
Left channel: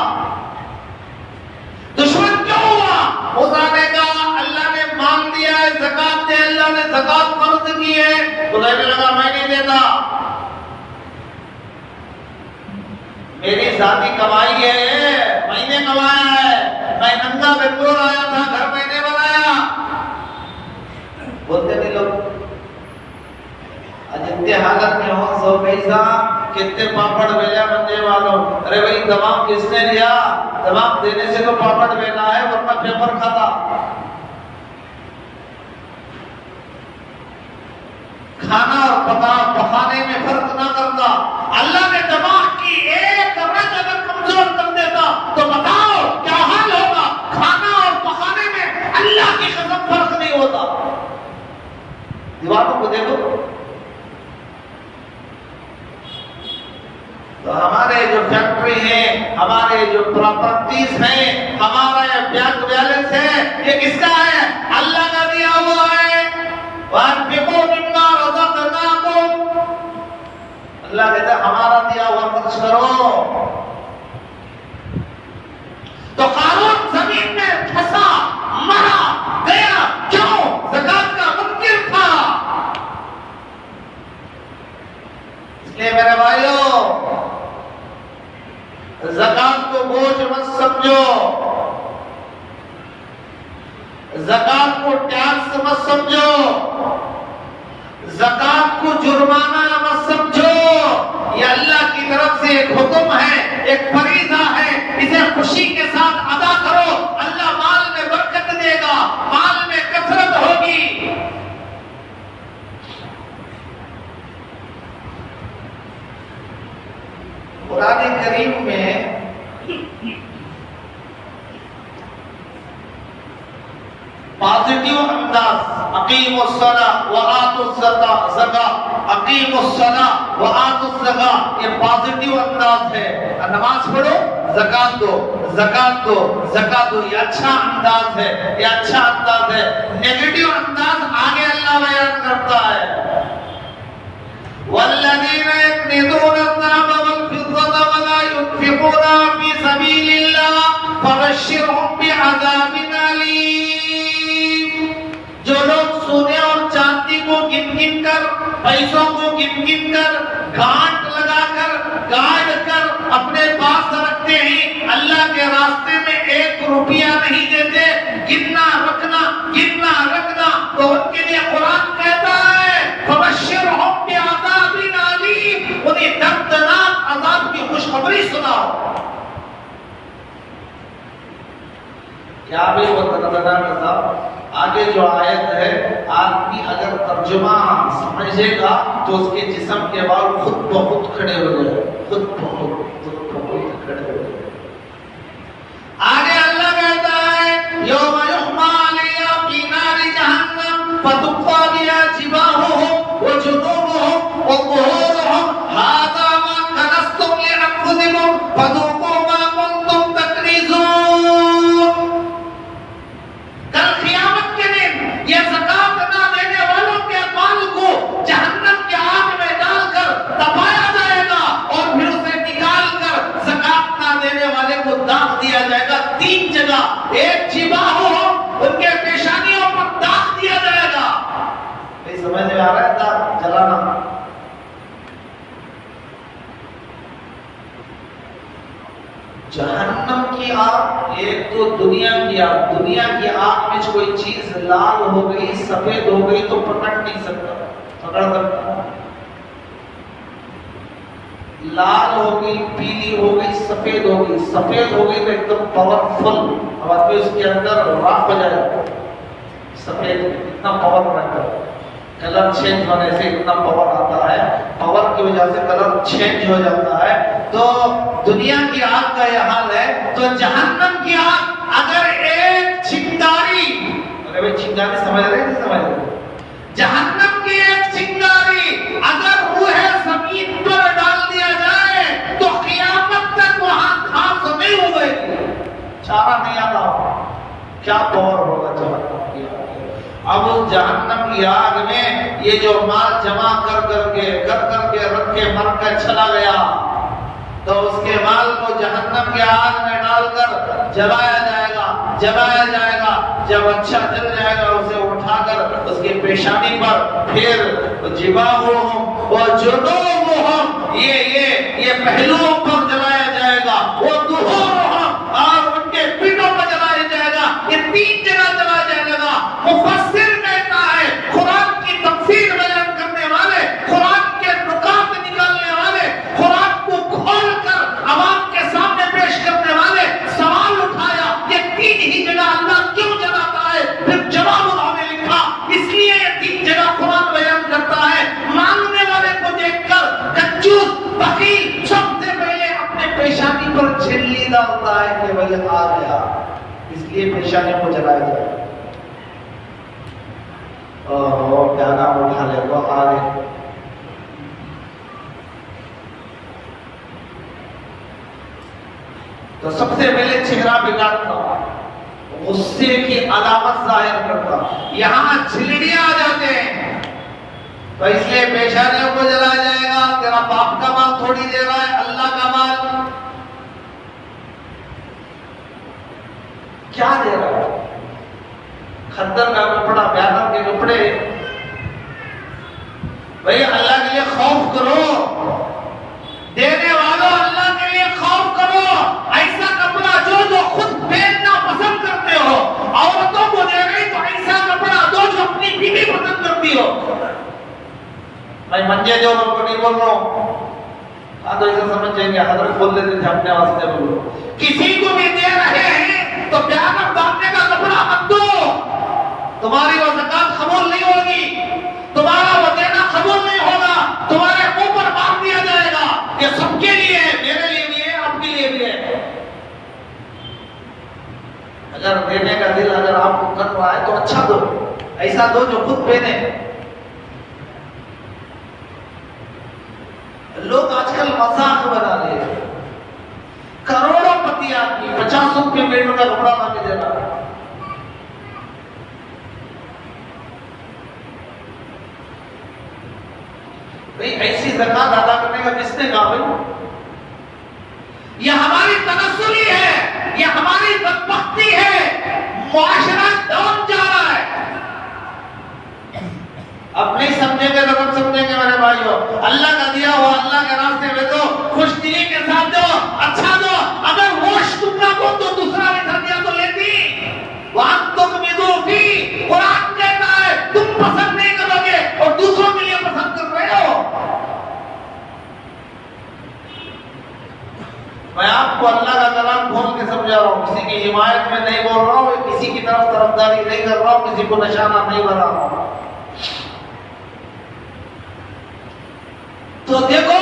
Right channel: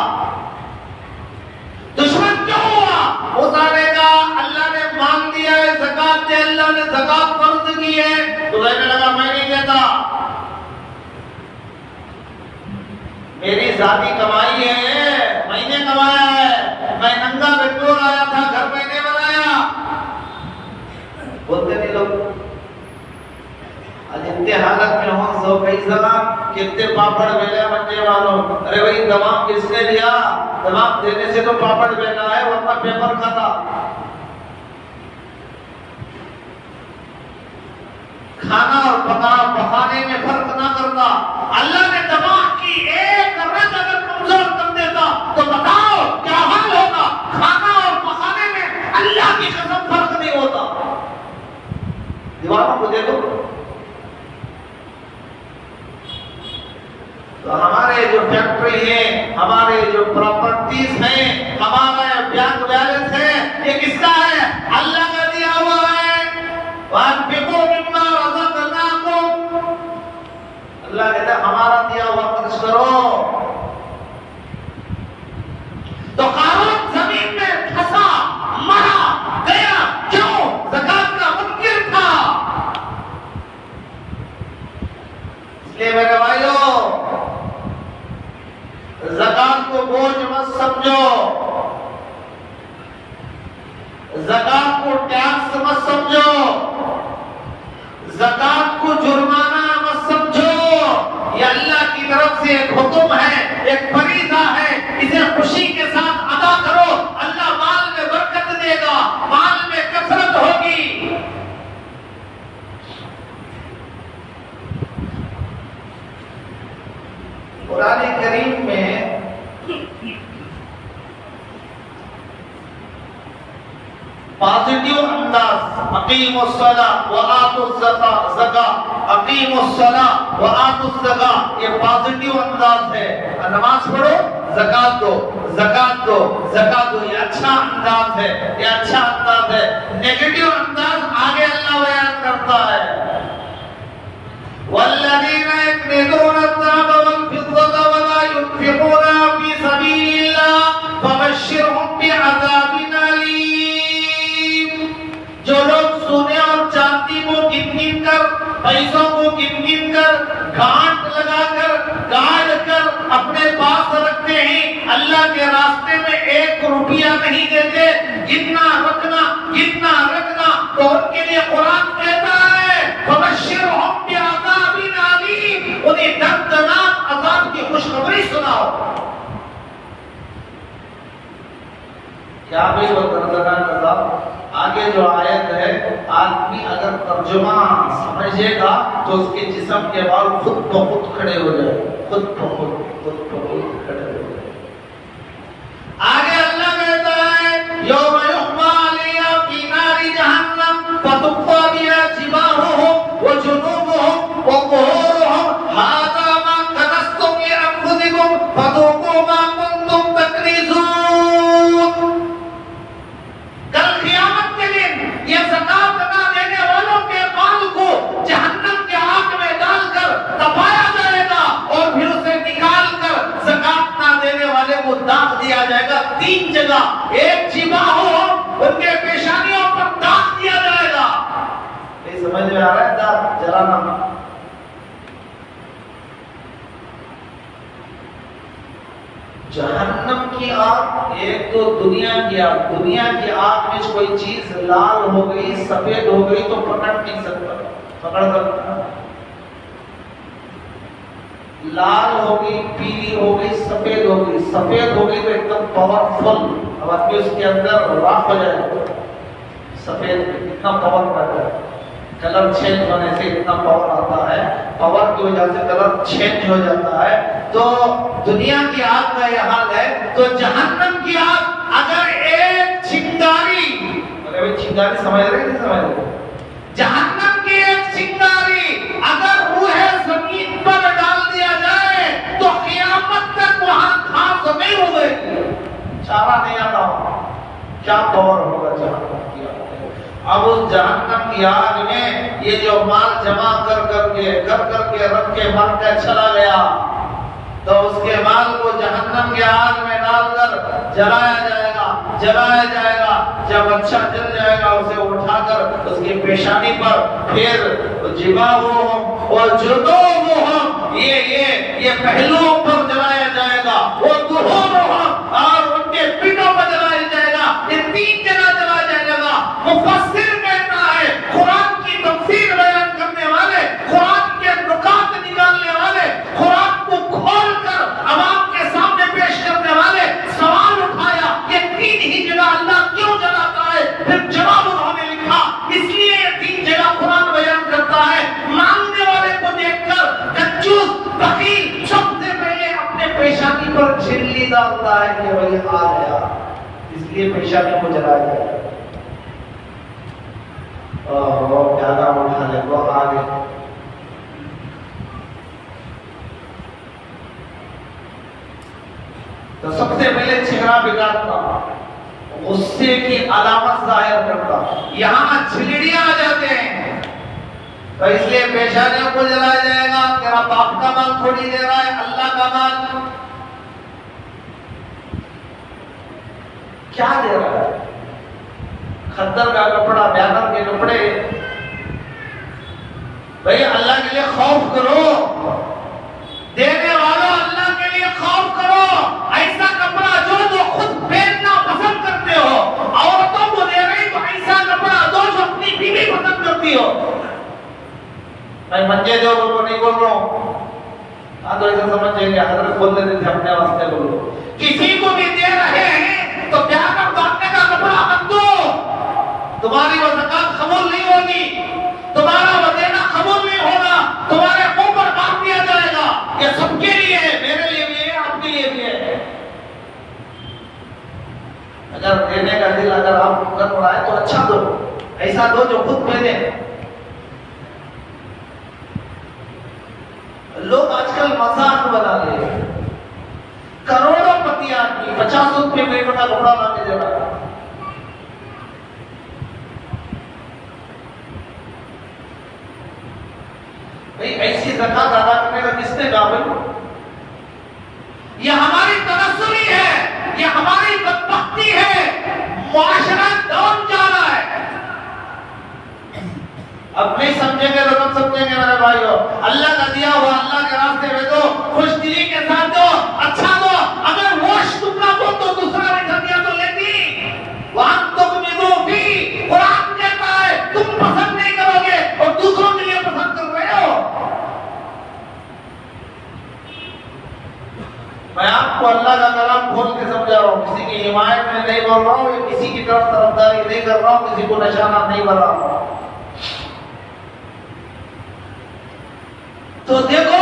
दुश्मन क्यों हुआ? मूसा ने कहा अल्लाह ने मांग दिया है ज़कात दे, अल्लाह ने ज़कात फर्ज की है, तो कहने लगा मैं नहीं देता, मेरी जाती कमाई है, मैंने कमाया है, मैं नंगा बेगोर आया था, घर मैंने बनाया। बोलते नहीं लोग आज इतने हालत में हो, सो पैसा कितने पापड़ बेला बनने वालों, अरे भाई दबाव किसने दिया? दबाव देने से तो पापड़ बेला है, वरना पेपर खाता। खाना और पकाने में फर्क ना करता। अल्लाह ने दबाव की एक रग अगर कमजोर कर देता तो बताओ क्या हाल होगा? खाना और पकाने में अल्लाह की कसम फर्क नहीं होता। दीवारों को देखो तो हमारे जो फैक्ट्री है, हमारे जो प्रॉपर्टीज हैं, हमारा बैंक बैलेंस है, ये किसका है? अल्लाह का दिया हुआ है। वअनफिकू मिम्मा रज़क़नाकुम, अल्लाह कहता है हमारा दिया हुआ खर्च करो। तो कारून जमीन में फंसा, मरा, गया, क्यों? ज़कात का मुनकिर था। इसलिए मेरे भाइयों, ज़कात को बोझ मत समझो, ज़कात को टैक्स मत समझो, ज़कात को जुर्माना मत समझो। ये अल्लाह की तरफ से एक हुक्म है, एक फरीज़ा है, इसे खुशी के साथ अदा करो। अल्लाह माल में बरकत देगा, माल में कसरत होगी। कुरान करीम में पॉजिटिव अंदाज, अकीमुस्सलाह व आतुज़्ज़कात, अकीमुस्सलाह व आतुज़्ज़कात, ये पॉजिटिव अंदाज है। नमाज पढ़ो, ज़कात दो, ज़कात दो, ज़कात दो, ये अच्छा अंदाज है, ये अच्छा अंदाज है। नेगेटिव अंदाज आगे अल्लाह बयान करता है, वल्लज़ीना यक्निज़ूना अज़्ज़ाब वल फिद्दता व ला युनफ़िक़ूना फ़ी सबीलिल्लाह फबश्शिरहुम बिअज़ाबिन अलीम। जो लोग सोने और चांदी को गिन-गिन कर, पैसों को गिन-गिन कर गांठ लगाकर गाड़ कर अपने पास रखते हैं, अल्लाह के रास्ते में 1 रुपया नहीं देते, गिनना रखना तो उनके लिए कुरान कहता है फबश्शिरहुम बिअज़ाबिन अलीम, उन्हें दर्दनाक अज़ाब की खुशखबरी सुनाओ। क्या भी वो दर्दनाक अज़ाब? आगे जो आयत है, आदमी अगर तर्जुमा समझेगा तो उसके जिस्म के बाल खुद ब खुद खड़े हो जाए, खुद ब खुद खड़े हो जाए। आगे अल्लाह कहता है यौमा युहमा अलैहा फी नारि जहन्नम फतुक्वा बिहा जिबाहुहुम व जुनूबुहुम व ज़ुहूरुहुम हाज़ा मा कनज़्तुम लिअन्फुसिकुम फज़ूक़ू मा कुन्तुम तकनीज़ून। कल क़यामत के दिन ये ज़कात ना देने वालों के माल को जहन्नम के आग में डालकर दबाया जाएगा और फिर उसे निकालकर ज़कात ना देने वाले को दाग दिया जाएगा 3 जगह। एक जिबाहु उनके पेशानियों पर दाग दिया जाएगा। ये समझ में आ रहा है? दाग जलाना। जहन्नम की आग, एक तो दुनिया की आग, दुनिया की आग में कोई चीज लाल हो गई, सफेद हो गई तो पकड़ नहीं सकता, पकड़ सकता? लाल हो गई, पीली हो गई, सफेद हो गई, सफेद हो गई तो एकदम पावरफुल, अब आपके उसके अंदर राख हो जाएगा। सफेद इतना पावर रहता है, कलर चेंज होने से इतना पावर आता है, पावर की वजह से कलर चेंज हो जाता है। तो दुनिया की आग का यह हाल है, तो जहन्नम की आग अगर एक चिंगारी, अगर चिंगारी समझ रहे नहीं समझ रहे, जहन्नम की एक चिंगारी अगर रूहे ज़मीन पर डाल दिया जाए तो क़यामत तक वहां घास नहीं हो गई, चारा नहीं आता। क्या पावर होगा जहन्नम की आग? अब उस जहन्नम की आग में ये जो माल जमा कर करके रख के मर के चला गया, तो उसके माल को जहन्नम के आग में डालकर जलाया जाएगा। जब अच्छा जल जाएगा उसे उठाकर उसके पेशानी पर फिर जिबाहुहुम और जुनूबुहुम, ये पहलुओं पर जलाया जाएगा, वो ज़ुहूरुहुम और उनके पीठों पर जलाया जाएगा। ये 3 जगह जलाया जाएगा। मुफस्सिर कहता है, कुरान की तफसीर बयान करने वाले, कुरान के नुकात निकालने वाले, कुरान को खोलकर अवाम के सामने पेश करने वाले सवाल उठाया ये 3 ही जगह अल्लाह क्यों जलाता है? फिर जवाब उन्होंने लिखा, इसलिए ये 3 जगह कुरान बयान करता है। मांगने वाले को देखकर कंजूस फकीर सबसे पहले अपने पेशानी पर झिल्ली डालता है कि वही आ गया, इसलिए पेशानी को जलाया जाए। और क्या नाम उठा ले, वो आ गए। तो सबसे पहले चेहरा बिगाड़ता, गुस्से की अलामत जाहिर करता, यहाँ छिलड़ियां आ जाते हैं, तो इसलिए पेशानियों को जलाया जाएगा। तेरा बाप का माल थोड़ी ले रहा है, अल्लाह का माल क्या दे रहा है? खद्दर का कपड़ा, ब्यादर के कपड़े। भाई अल्लाह के लिए खौफ करो, देने वालों अल्लाह के लिए खौफ करो। ऐसा कपड़ा जो खुद पहनना पसंद करते हो, औरतों को दे रही तो ऐसा कपड़ा दो जो अपनी बीवी पसंद करती हो। मैं मंजे दो को नहीं बोल रहा हूँ, तो ऐसे समझेंगे हजरत बोल देते थे अपने वास्ते बोलो। किसी को भी दे रहे हैं तो ब्यादर बांधने का कपड़ा मत दो, तुम्हारी वो ज़कात कबूल नहीं होगी, तुम्हारा वो देना कबूल नहीं होगा, तुम्हारे मुंह पर बांध दिया जाएगा। ये सबके लिए है, मेरे लिए भी है, आपके लिए भी है। अगर देने का दिल अगर आप कर रहा है तो अच्छा दो, ऐसा दो जो खुद पहने। लोग आजकल मजाक बना रहे हैं, करोड़ों पति आदमी 50 रुपये मिनट में कपड़ा ला के दे रहा है। भाई ऐसी ज़कात अदा करने का किसने कहा? भाई ये हमारी तनस्सुली है, ये हमारी बदबख्ती है, मुआशरा डाउन जा रहा है। अब नहीं समझेंगे तो कब समझेंगे मेरे भाइयों? अल्लाह का दिया हुआ अल्लाह के रास्ते में दो, खुशदिली के साथ दो, अच्छा दो। अगर वो टुकड़ा दो तो दूसरा लिखा दिया तो लेती। वहां तुम मिदूफी, कुरान कहता है तुम पसंद नहीं करोगे और दूसरों के लिए पसंद कर रहे हो। मैं आपको अल्लाह का कलाम खोल के समझा रहा हूँ, किसी की हिमायत में नहीं बोल रहा हूँ, किसी की तरफ तरफदारी नहीं कर रहा हूँ, किसी को निशाना नहीं बना रहा हूँ। तो देखो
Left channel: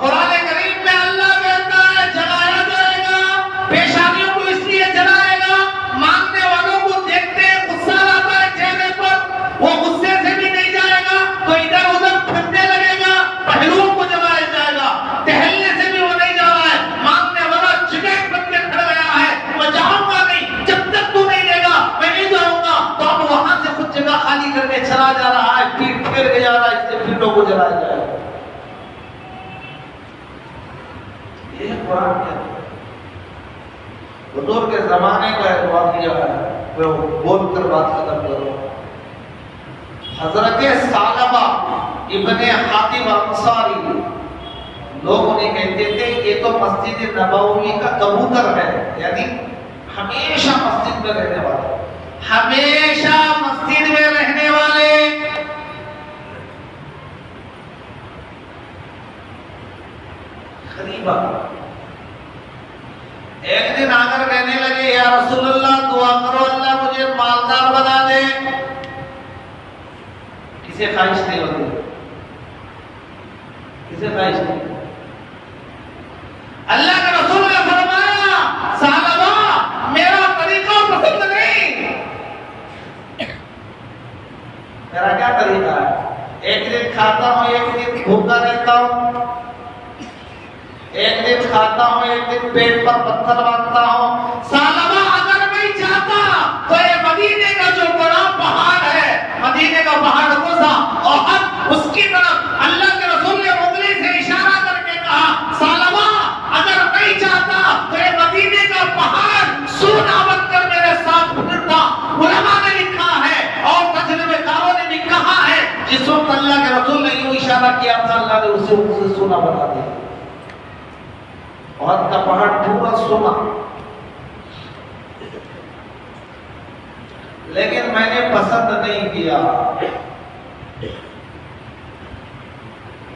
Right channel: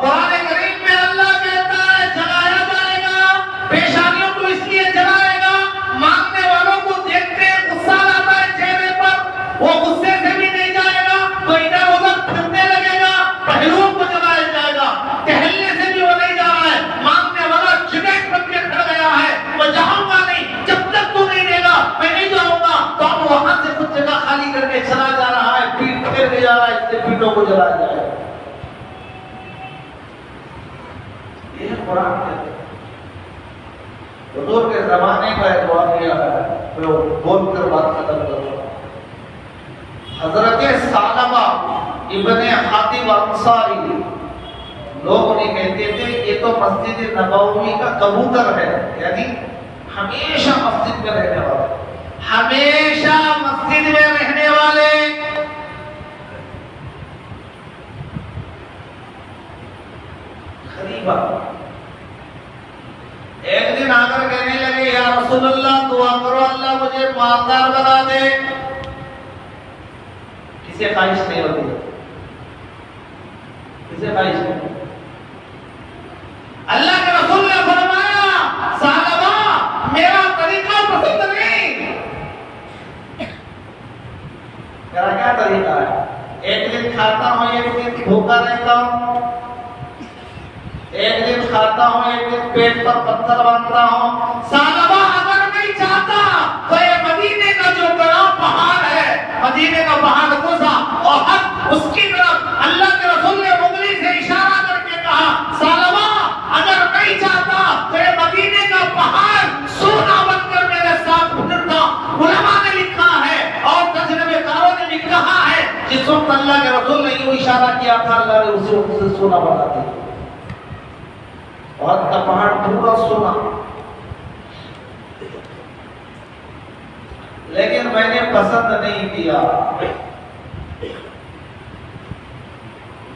कुरान करीम में अल्लाह कहता है जलाया जाएगा, पेशानियों को इसलिए जलाएगा, मांगने वालों को देखते गुस्सा आता है चेहरे पर, वो गुस्से से भी नहीं जाएगा तो इधर उधर फिरने लगेगा, पहलुओं को जलाया जाएगा, टहलने से भी वो नहीं जा रहा है, मांगने वाला चिड़ैक बन के खड़ा गया है, मैं जाऊंगा नहीं, जब तक तू नहीं देगा मैं नहीं जाऊंगा। तो अब वहां से कुछ जगह खाली करके चला जा रहा है, पीठ फेर के जा रहा है, इससे पीठों को जलाया जाएगा। ये कुरान है, हुजूर के जमाने का एक वाक़या है, मैं बोलकर बात खत्म करूंगा। हजरत सालबा इब्ने हातिब अंसारी, लोग उन्हें कहते थे ये तो मस्जिद नबवी का कबूतर है, यानी हमेशा मस्जिद में रहने वाले, हमेशा मस्जिद में रहने वाले। गरीबा एक दिन आकर कहने लगे या रसूलल्लाह दुआ करो अल्लाह मुझे मालदार बना दे। किसे ख्वाहिश नहीं होती? किसे ख्वाहिश नहीं? अल्लाह के रसूल ने फरमाया सालबा मेरा तरीका पसंद नहीं। मेरा क्या तरीका है? एक दिन खाता हूं, एक दिन भूखा रहता हूं, एक दिन खाता हूं, एक दिन पेट पर पत्थर बांधता हूं। सालबा अगर नहीं चाहता तो ये मदीने का जो बड़ा पहाड़ है, मदीने का पहाड़ गुजा और अब उसकी तरफ अल्लाह के रसूल ने उंगली से इशारा करके कहा सालबा अगर नहीं चाहता तो ये मदीने का पहाड़ सोना बनकर मेरे साथ फिरता। उलमा ने लिखा है और तजरबेकारों ने भी कहा है जिस वक्त अल्लाह के रसूल ने यूं इशारा किया था अल्लाह ने उसे सोना बना दिया और का पहाड़ पूरा सोना। लेकिन मैंने पसंद नहीं किया।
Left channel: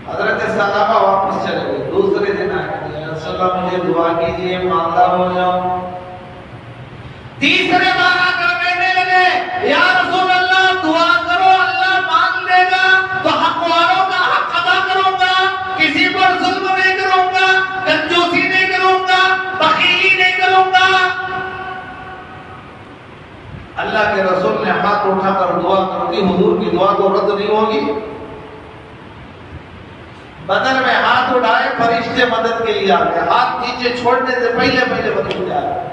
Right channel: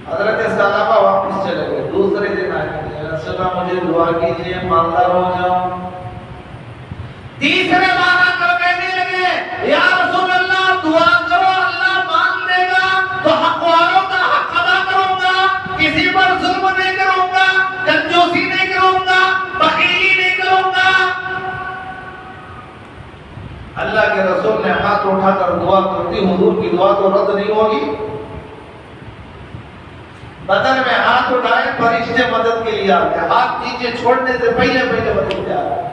हजरत सालबा वापस चले गए, दूसरे दिन आके रसूलल्लाह मुझे दुआ कीजिए मालदार हो जाऊं। तीसरे बार आकर कहने लगे या रसूलल्लाह दुआ करो अल्लाह मान लेगा तो हक वालों का हक अदा करूंगा, किसी पर जुल्म नहीं करूंगा, कंजूसी नहीं करूंगा, बखीली नहीं करूंगा। अल्लाह के रसूल ने हाथ उठाकर दुआ कर दी, हुजूर की दुआ तो रद्द नहीं होगी। बदन में हाथ उठाए, फरिश्ते मदद के लिए आ गए, हाथ नीचे छोड़ने से पहले पहले फरिश्ते आ गए।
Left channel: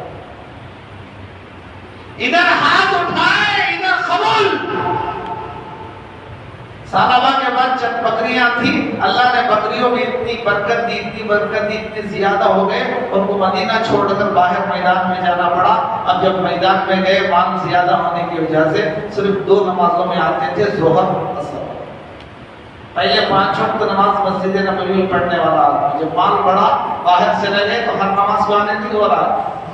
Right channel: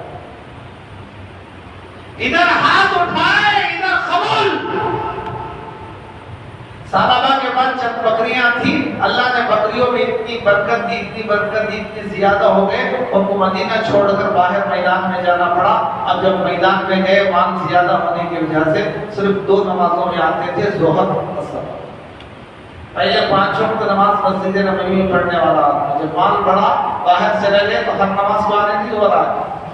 इधर हाथ उठाए इधर कबूल। साहबा के पास जब बकरियां थी, अल्लाह ने बकरियों में इतनी बरकत दी, इतनी बरकत दी, इतनी ज्यादा हो गए उनको मदीना छोड़कर बाहर मैदान में जाना पड़ा। अब जब मैदान में गए मांग ज्यादा होने की वजह से सिर्फ 2 नमाजों में आते थे, जोहर असर। पहले 5 वक्त नमाज मस्जिद नबवी में पढ़ने वाला आदमी जब माल बढ़ा बाहर चले गए तो हर नमाज पढ़ने नहीं हो रहा,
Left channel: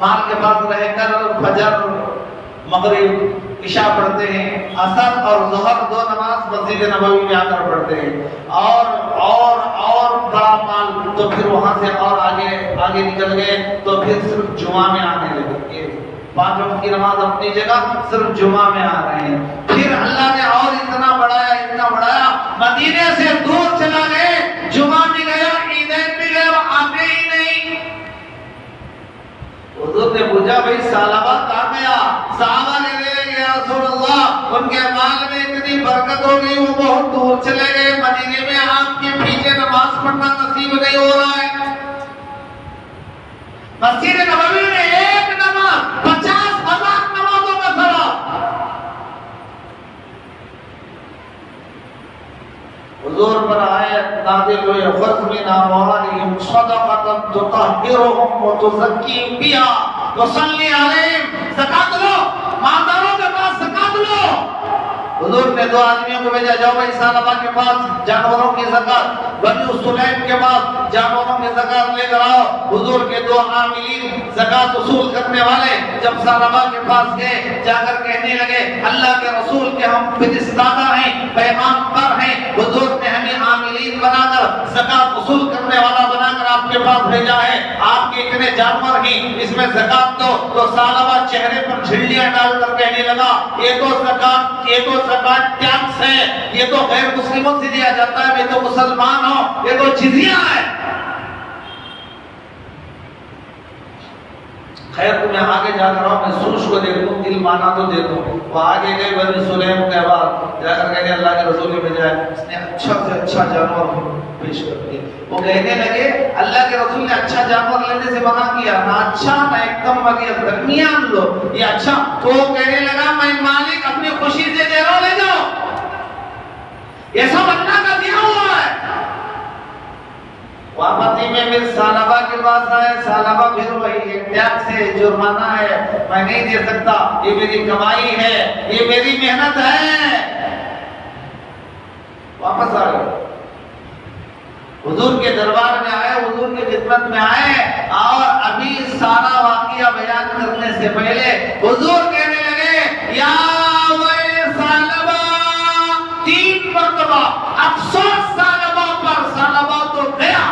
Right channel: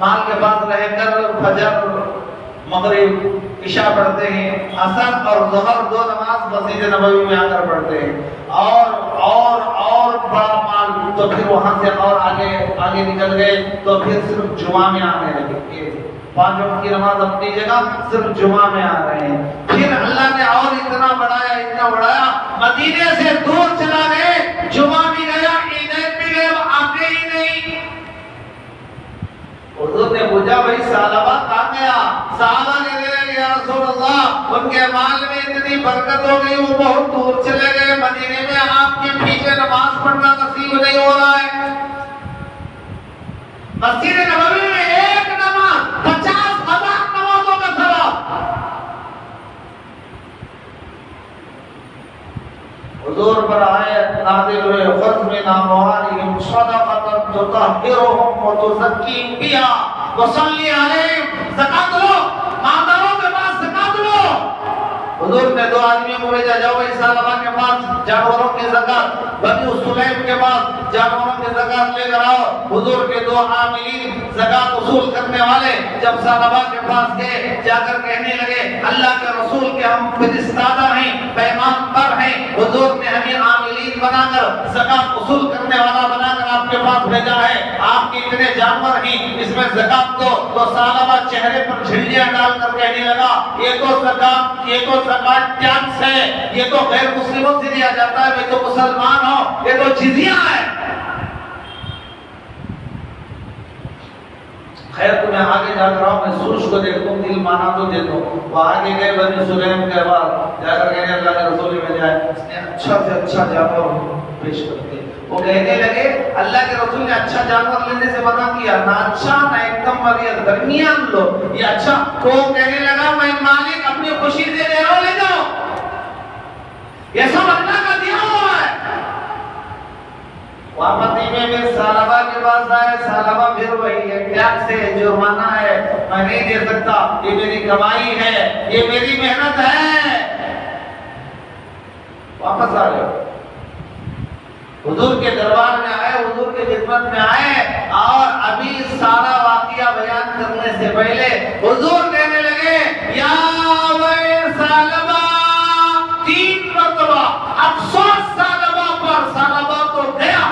माल के पास रहकर फजर मगरिब इशा पढ़ते हैं, असर और ज़ोहर 2 नमाज मस्जिद नबवी में आकर पढ़ते हैं और बड़ा माल तो फिर वहां से और आगे निकल गए तो फिर सिर्फ जुमा में आने लगे। 5 वक्त की नमाज अपनी जगह, सिर्फ जुमा में आ रहे हैं। फिर अल्लाह ने और इतना बढ़ाया, मदीने से दूर चला गए, जुमा भी गया, ईदैन भी गया, आते ही नहीं। हुजूर ने पूछा भाई सालबा कहां गया? साहबा ने या रसूल अल्लाह उनके माल में इतनी बरकत हो गई वो बहुत दूर चले गए, मदीने में आपके पीछे नमाज पढ़ना नसीब नहीं हो रहा है। मस्जिद नबवी में एक नमाज 50,000 नमाजों का सवाब। हुजूर पर आयत नाज़िल हुई फ़र्ज़ मिन अमवालिहिम सदक़तन तुतahhiruhum व तुज़क्कीहिम बिहा व सल्ली अलैहिम। ज़कात लो, मालदारों के पास ज़कात लो। हुजूर ने 2 आदमियों को भेजा, जाओ भाई सालबा के पास जानवरों की ज़कात, बनी सुलैम के पास जानवरों की ज़कात लेकर आओ। हुजूर के 2 आमिलीन ज़कात वसूल करने वाले जब सालबा के पास गए, जाकर कहने लगे अल्लाह के रसूल के हम फरिश्तादा हैं, पैगाम पर हैं, हुजूर ने हमें आमिलीन बनाकर ज़कात वसूल करने वाला बनाकर आपके पास भेजा है, आपके इतने जानवर हैं, इसमें ज़कात दो। तो सालबा चेहरे पर झिल्लियां डालकर कहने लगा ये तो ज़कात टैक्स है, ये तो गैर मुस्लिमों से दिया जाता है, मैं तो मुसलमान हूं, ये तो जिज़िया है। खैर तुम्हें आगे जाकर आओ, मैं सूश को देखूं, दिल माना तो दे दूं। वो आगे गए बनी सुलैम के बाद जाकर कहने अल्लाह के रसूल ने भेजा है, इसने अच्छा से अच्छा जानवर पेश कर दिया। वो कहने लगे अल्लाह के रसूल ने अच्छा जानवर लेने से मना किया, ना अच्छा ना एकदम बढ़िया, दरमियान लो, ये अच्छा। तो वो कहने लगा मैं मालिक अपनी खुशी से दे रहा हूं, ले जाओ, ये सब अल्लाह का दिया हुआ है। वापसी में फिर सालबा के पास आए, सालबा फिर वही है, टैक्स है, जुर्माना है, मैं नहीं दे सकता, ये मेरी कमाई है, ये मेरी मेहनत है। वापस आ गए, हुजूर के दरबार में आए, हुजूर की खिदमत में आए, और अभी सारा वाकया बयान करने से पहले हुजूर कहने लगे या वे सालबा, 3 मरतबा अफसोस सालबा पर, सालबा तो गया।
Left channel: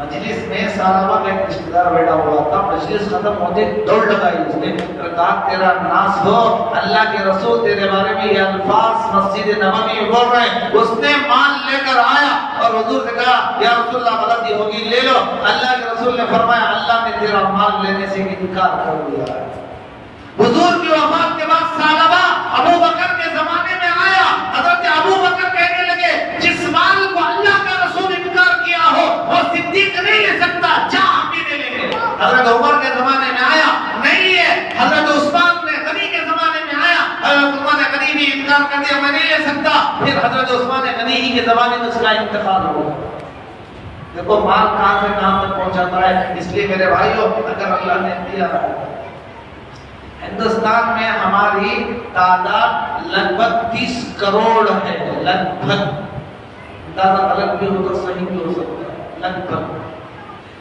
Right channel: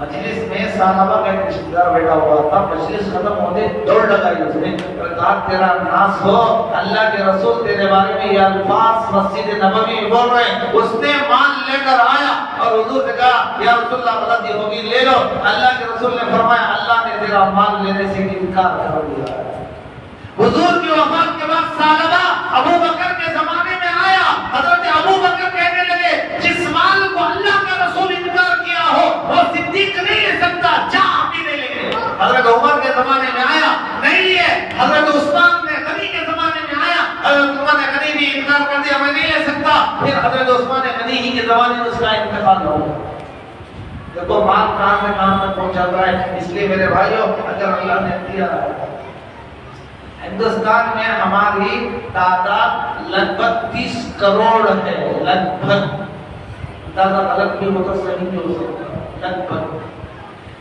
मजलिस में सालबा का एक रिश्तेदार बैठा हुआ था, मजलिस खत्म होते दौड़ लगाई उसने, कहा तेरा नाश हो, अल्लाह के रसूल तेरे बारे में ये अल्फाज मस्जिद नबवी में बोल रहे हैं। उसने माल लेकर आया और हुजूर से कहा या रसूलल्लाह गलती होगी ले लो। अल्लाह के रसूल ने फरमाया अल्लाह ने तेरा माल लेने से इनकार कर दिया। हुजूर की वफात के बाद सालबा अबू बकर के जमाने में आया, हजरत अबू बकर कहने लगे जिस माल को अल्लाह का रसूल इनकार किया हो वो सिद्दीक नहीं ले सकता, जा हम ही ले लेंगे। हजरत उमर के जमाने में आया, नहीं है। हजरत उस्मान ने गनी के जमाने में आया, हजरत उमर ने गनी भी इनकार कर दिया, मैं नहीं ले सकता। फिर हजरत उस्मान ने गनी ही के जमाने में उसका इंतकाल हो गया। देखो माल कहां से कहां तक पहुंच जाता है। इसलिए मेरे भाइयों अगर अल्लाह ने दिया, हिंदुस्तान में हमारी तादाद लगभग 30 करोड़ है, लगभग, तादाद अलग भी हो तो सही भी हो सकता है, लगभग।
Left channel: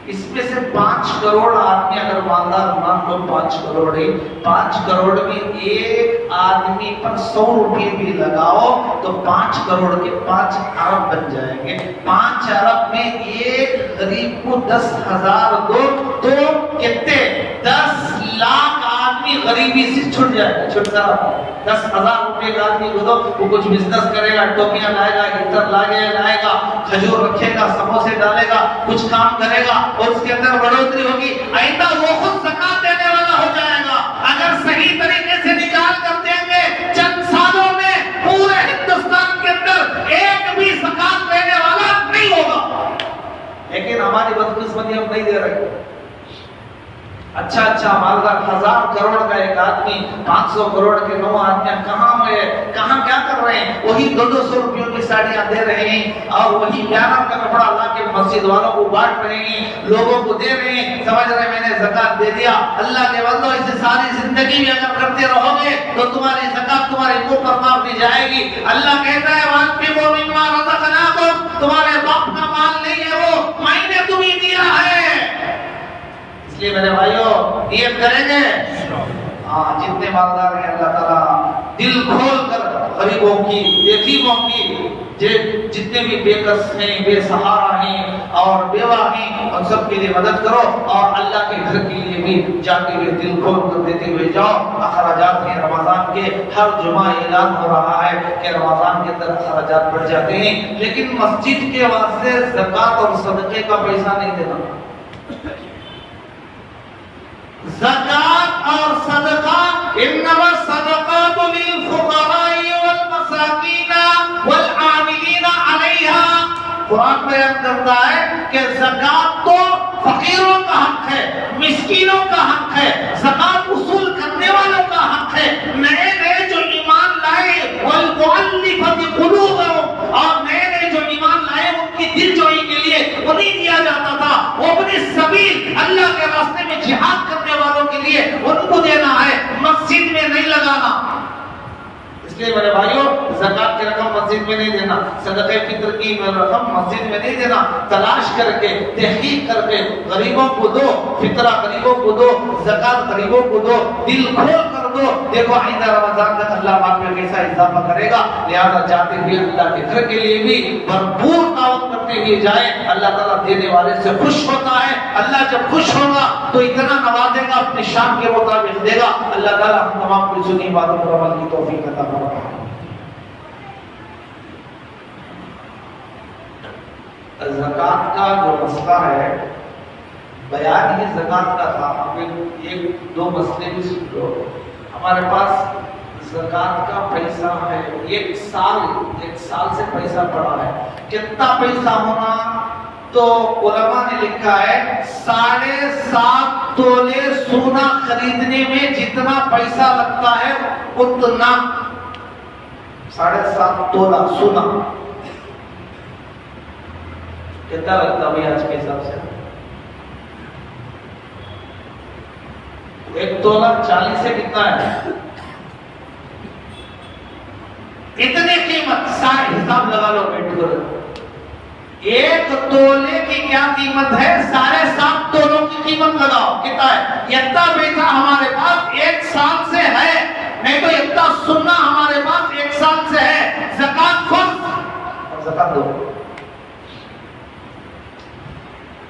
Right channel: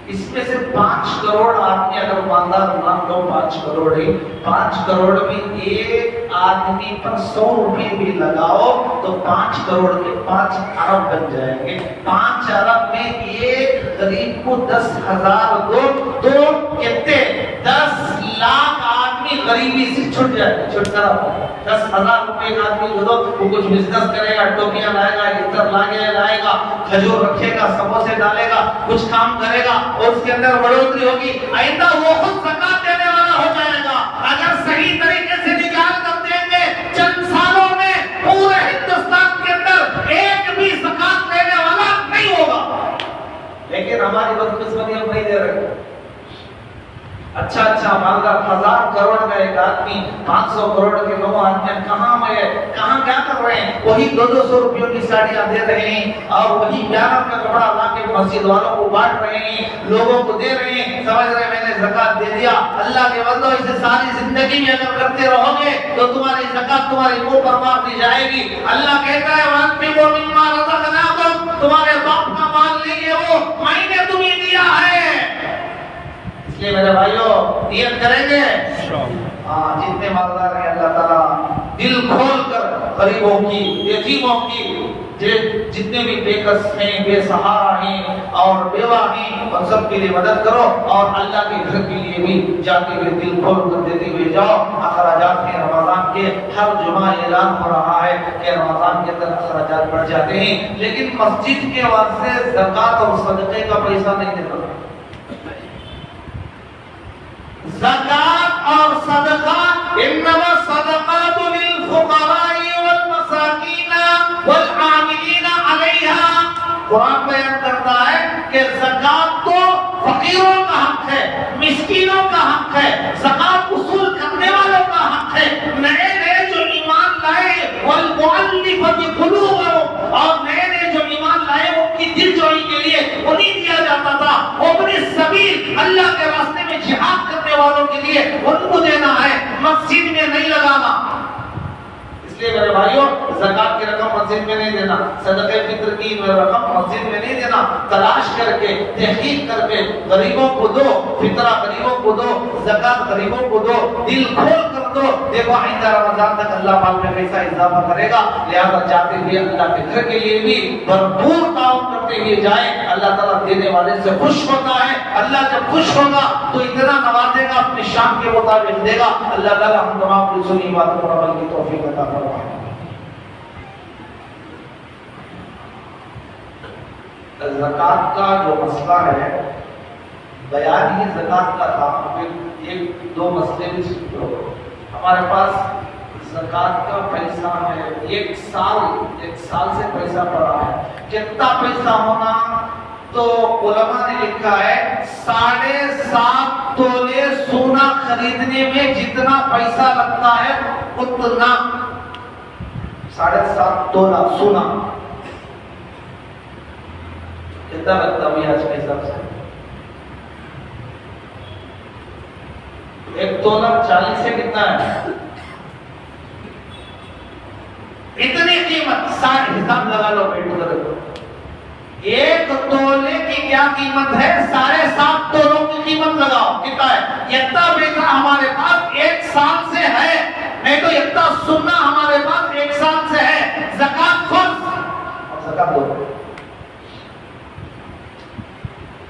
इसमें से 5 करोड़ आदमी अगर मानदार मान लो 5 करोड़ ही, 5 करोड़ में एक आदमी पर 100 रुपये भी लगाओ तो 5 करोड़ के 5 अरब बन जाएंगे। 5 अरब में एक गरीब को 10,000 दो तो कितने 10 लाख आदमी गरीबी से छूट जाएगा, छुटकारा। 10,000 रुपए का आदमी को दो, वो कुछ बिजनेस करेगा, टोपियां लाएगा, इतर लाएगा, खजूर रखेगा, समोसे डालेगा, कुछ काम करेगा और उसके अंदर बढ़ोतरी होगी। आइंदा वो खुद ज़कात देने वाला हो जाएगा। अगर सही तरीके से निकाल कर देंगे, चंद सालों में पूरे हिंदुस्तान के अंदर एक भी ज़कात देने वाला नहीं होगा। लेकिन हमारी बदकिस्मती हम नहीं दे रहे। अच्छा मालदार 1000 करोड़ का एक आदमी, 500 करोड़ के 9 आदमी कहाँ क्या कर रहे हैं? वही 200 रुपयों की साड़ियां दे रहे हैं और वही 11 का कपड़ा ला के मस्जिद वालों को बांट रहे हैं, लोगों को दे रहे हैं, समझ रहे मैंने ज़कात दे दिया। अल्लाह के बंदो, इसे सारी जिंदगी भी अगर करते रहोगे तो तुम्हारी ज़कात तुम्हारे मुंह पर मार दी जाएगी। अल्लाह कहता है वान्फिक़ू मिम्मा रज़क़नाकुम, तुम्हारे बाप का माल नहीं है, वो मैंने तुम्हें दिया है। इसलिए मेरे भाइयों नियत करेंगे, जितने मालदार हैं अल्लाह ताला दिल खोल कर गरीबों की, यतीमों की, जितने भी बेकस हैं, बेसहारा हैं और बेवा हैं, उन सब के लिए मदद करो और अल्लाह के घर के लिए भी जाते हुए दिल खोल कर देते हुए जाओ। अखराजात हैं रमजान के, हर जुमा ऐलान हो रहा है कि रमजान के अंदर अखराजात बढ़ जाते हैं, लेकिन मस्जिद के वास्ते ज़कात और सदक़े का पैसा नहीं देना। ज़कात और सदका, इन्नमा सदक़ातु लिल फुक़राई वल मसाकीन वल आमिलीन अलैहा। कुरान बयान करता है कि ज़कात तो फकीरों का हक है, मिस्कीनों का हक है, ज़कात वसूल करने वालों का हक है। नए जो ईमान लाए वल मुअल्लिफ़ति क़ुलूबुहुम, और नए जो ईमान लाए उनकी दिलजोई के लिए उन्हें दिया जाता था। अपने सबील अल्लाह के रास्ते में जिहाद करने वालों के लिए उनको देना है। इसलिए मेरे भाइयों, ज़कात की रकम मस्जिद में नहीं देना, सदक़े फित्र की रकम मस्जिद में नहीं देना, तलाश करके, तहकीक करके गरीबों को दो, फितरा गरीबों को दो, ज़कात गरीबों को दो, दिल खोल कर दो। देखो आइंदा रमजान तक अल्लाह पाक में कैसा इजाफा करेगा। लिहाजा चाहते हुए अल्लाह के घर के लिए भी भरपूर ताउन करते हुए जाए। अल्लाह ताला देने वाले से खुश होता है। अल्लाह जब खुश होगा तो इतना नवाजेगा, अपनी शान के मुताबिक देगा। अल्लाह ताला हम तमाम की सुनी बातों पर अमल की तौफीक अता फरमाए। ज़कात का जो मसला है, बयान ही ज़कात का था, फिर एक दो मसले भी सुन लो। हमारे पास ज़कात का पैसा है, एक साल से पैसा पड़ा है। कितना पैसा होना, तो उलमा ने लिखा है 7.5 तोले सोना खरीदने में जितना पैसा लगता है उतना 7.5 तोला सोना कितना लगता है आज के हिसाब से? 1 तोला 40 से कितना है? इतनी कीमत, साठ हिसाब लगा लो बैठ कर। 1 तोले की क्या कीमत है? 7.5 तोलों की कीमत लगाओ, कितना है? इतना पैसा हमारे पास 1 साल से है, नहीं तो इतना सुन्ना हमारे पास 1 साल से है। ज़कात फर्ज और ज़कात दो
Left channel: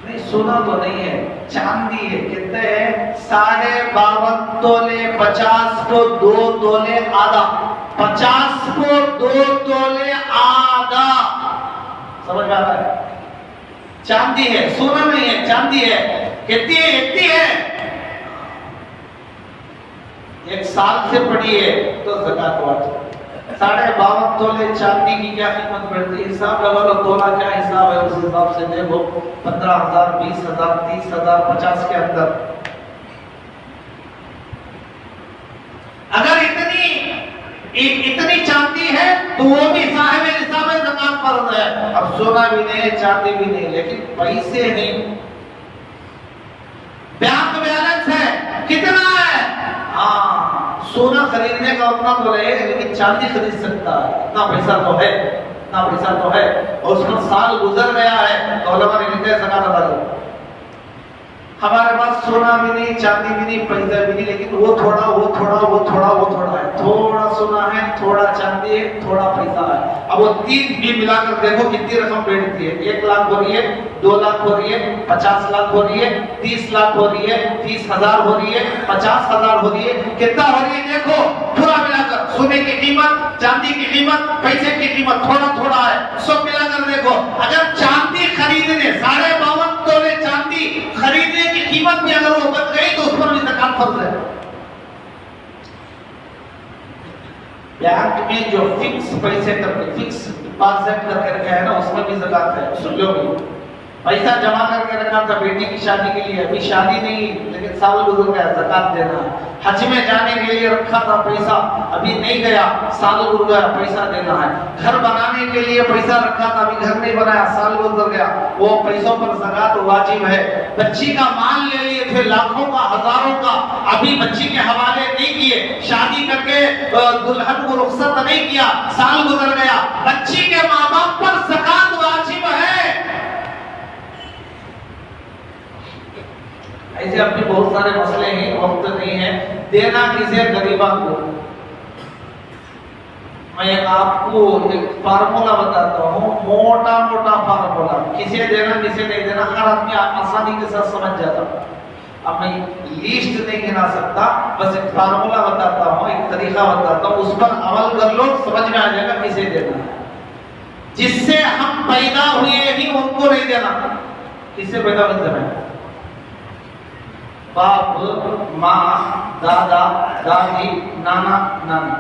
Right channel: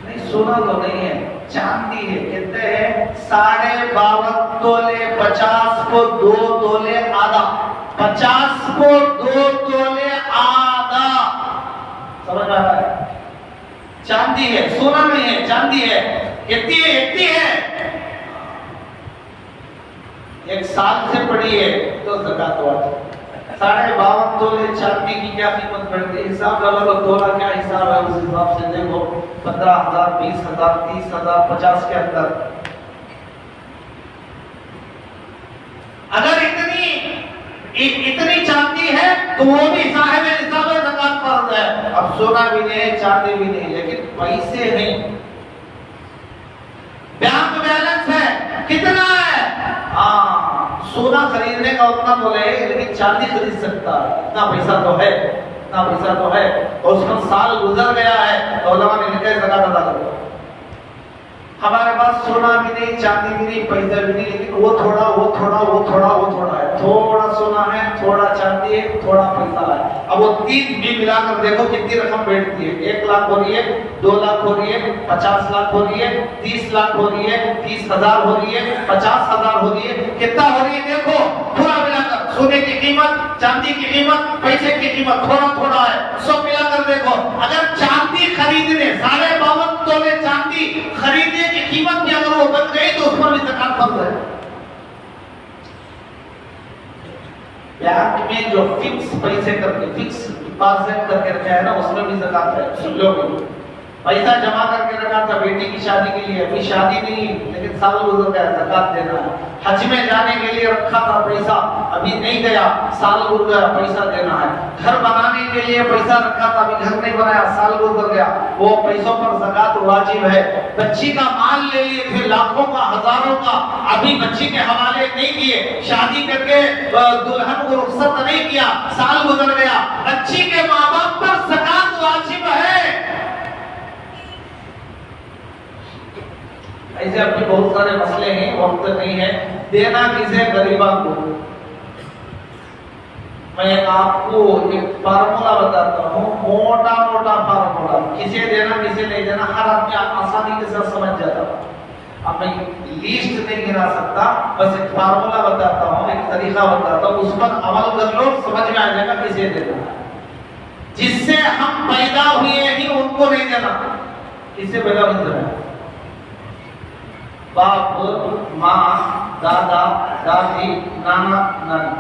नहीं, सोना तो नहीं है, चांदी है। कितने हैं? 52.5 तोले, 50 को 2 तोले आधा, 50 को 2 तोले आधा। समझ में आ रहा है? चांदी है, सोना नहीं है, चांदी है। कितनी है? इतनी है, 1 साल से पड़ी है तो ज़कात वाजिब। 52.5 तोले चांदी की क्या कीमत बढ़ती है? हिसाब लगा लो, तोला क्या हिसाब है उस हिसाब से देखो। 15,000, 20,000, 30,000, 50 के अंदर। अगर इतनी चांदी है तो वो भी साहिब निसाब है, ज़कात फर्ज है। अब सोना भी नहीं है, चांदी भी नहीं, लेकिन पैसे नहीं, बैंक बैलेंस है। कितना है? हाँ, सोना खरीदने का उतना तो है, लेकिन चांदी खरीद सकता है, इतना पैसा तो है, इतना पैसा तो है। और उसका साल गुजर गया है तो उलमा ने लिखा है ज़कात अदा करो। हमारे पास सोना भी नहीं, चांदी भी नहीं, पैसा भी नहीं, लेकिन वो थोड़ा है। थोड़ा सोना है, थोड़ा चांदी है, थोड़ा पैसा है। अब वो 3 भी मिलाकर देखो कितनी रकम बैठती है। 1 लाख हो रही है, 2 लाख हो रही है, 50 लाख हो रही है, 30 लाख हो रही है, 30,000 हो रही है, 50,000 हो रही है। कितना हो रही है देखो, पूरा मिलाकर सोने की कीमत, चांदी की कीमत, पैसे की कीमत थोड़ा है, सब मिलाकर देखो। अगर चांदी खरीदने 52.5 तोले चांदी खरीदने की कीमत भी अगर वो बच गई तो उस पर भी ज़कात फर्ज है। बैंक में जो फिक्स पैसे करके, फिक्स डिपॉजिट करके रखा है ना, उसमें भी ज़कात है। सुन लो, पैसा जमा करके रखा था बेटी की शादी के लिए, अभी शादी नहीं, लेकिन साल गुजर गया, ज़कात देना है। हज में जाने के लिए रखा था पैसा, अभी नहीं गया, साल गुजर गया, पैसा देना है। घर बनाने के लिए पैसा रखा था, अभी घर नहीं बनाया, साल गुजर गया, वो पैसों पर ज़कात वाजिब है। बच्ची का माल ले लिए थे, लाखों का, हजारों का, अभी बच्ची के हवाले नहीं किए, शादी करके दुल्हन को रुखसत नहीं किया, साल गुजर गया, बच्ची के माँ बाप पर ज़कात वाजिब है। ऐसे अपने बहुत सारे मसले हैं, वक्त नहीं है। देना किसे? गरीबा को। मैं आपको एक फार्मूला बताता हूँ, मोटा फार्मूला, किसे देना किसे नहीं देना हर आदमी आसानी के साथ समझ जाता। अब मैं लिस्ट नहीं गिना सकता, बस एक फार्मूला बताता हूँ, एक तरीका बताता हूँ, उस पर अमल कर लो, समझ में आ जाएगा किसे देना। जिससे हम पैदा हुए ही उनको नहीं देना। किससे पैदा हुए? बाप, माँ, दादा, दादी, नाना, नानी।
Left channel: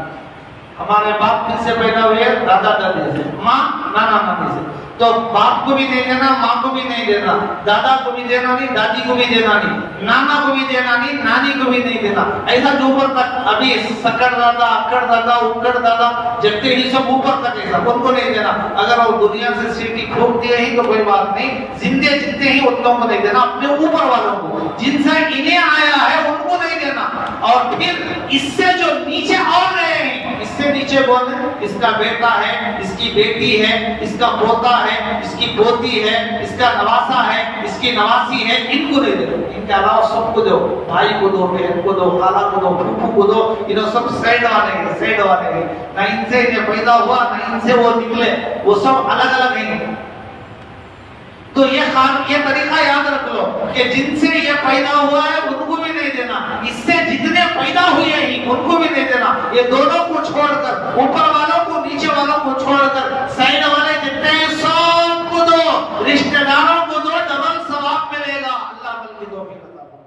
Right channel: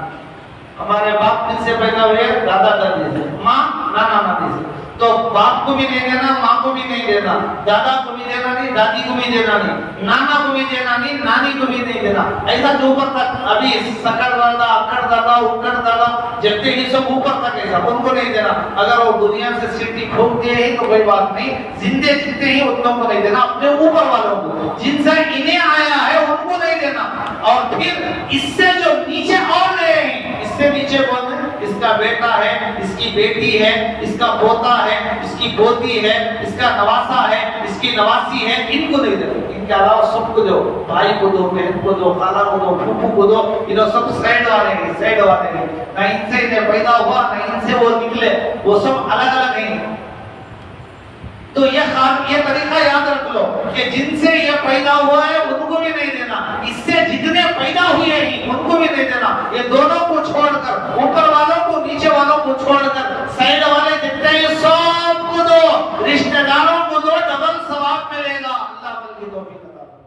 हमारे बाप किससे पैदा हुए? दादा दादी से, माँ नाना नानी से। तो बाप को भी नहीं देना, माँ को भी नहीं देना, दादा को भी देना नहीं, दादी को भी देना नहीं, नाना को भी देना नहीं, नानी को भी नहीं देना। ऐसा जो ऊपर तक, अभी सकड़ दादा, अक्कड़ दादा, उक्कड़ दादा, जितने ही सब ऊपर तक ऐसा, उनको नहीं देना। अगर वो दुनिया से सीटी ठोक दिए ही तो कोई बात नहीं, जिंदे जितने ही उन लोगों को नहीं देना, अपने ऊपर वालों को, जिनसे इन्हें आया है उनको नहीं देना। और फिर इससे जो नीचे और रहे हैं, इससे नीचे कौन है? इसका बेटा है, इसकी बेटी है, इसका पोता है, इसकी पोती है, इसका नवासा है, इसकी नवासी है, इनको नहीं दो। इनके अलावा सबको दो, भाई को दो, बहन को दो, खाला को दो, फूफू को दो, इन्हों सब साइड वाले ना इनसे इन्हें पैदा हुआ ना इनसे वो निकले, वो सब अलग अलग हैं। तो ये तरीका याद रख लो कि जिनसे ये पैदा हुआ है उनको भी नहीं देना, इससे जितने पैदा हुए हैं उनको भी नहीं देना। ये दोनों को छोड़कर, ऊपर वालों को नीचे वालों को छोड़कर साइड वाले जितने हैं सबको दो, रिश्तेदारों को दो, डबल सवाब मिलेगा। अल्लाह की तौफीक अता फरमाए।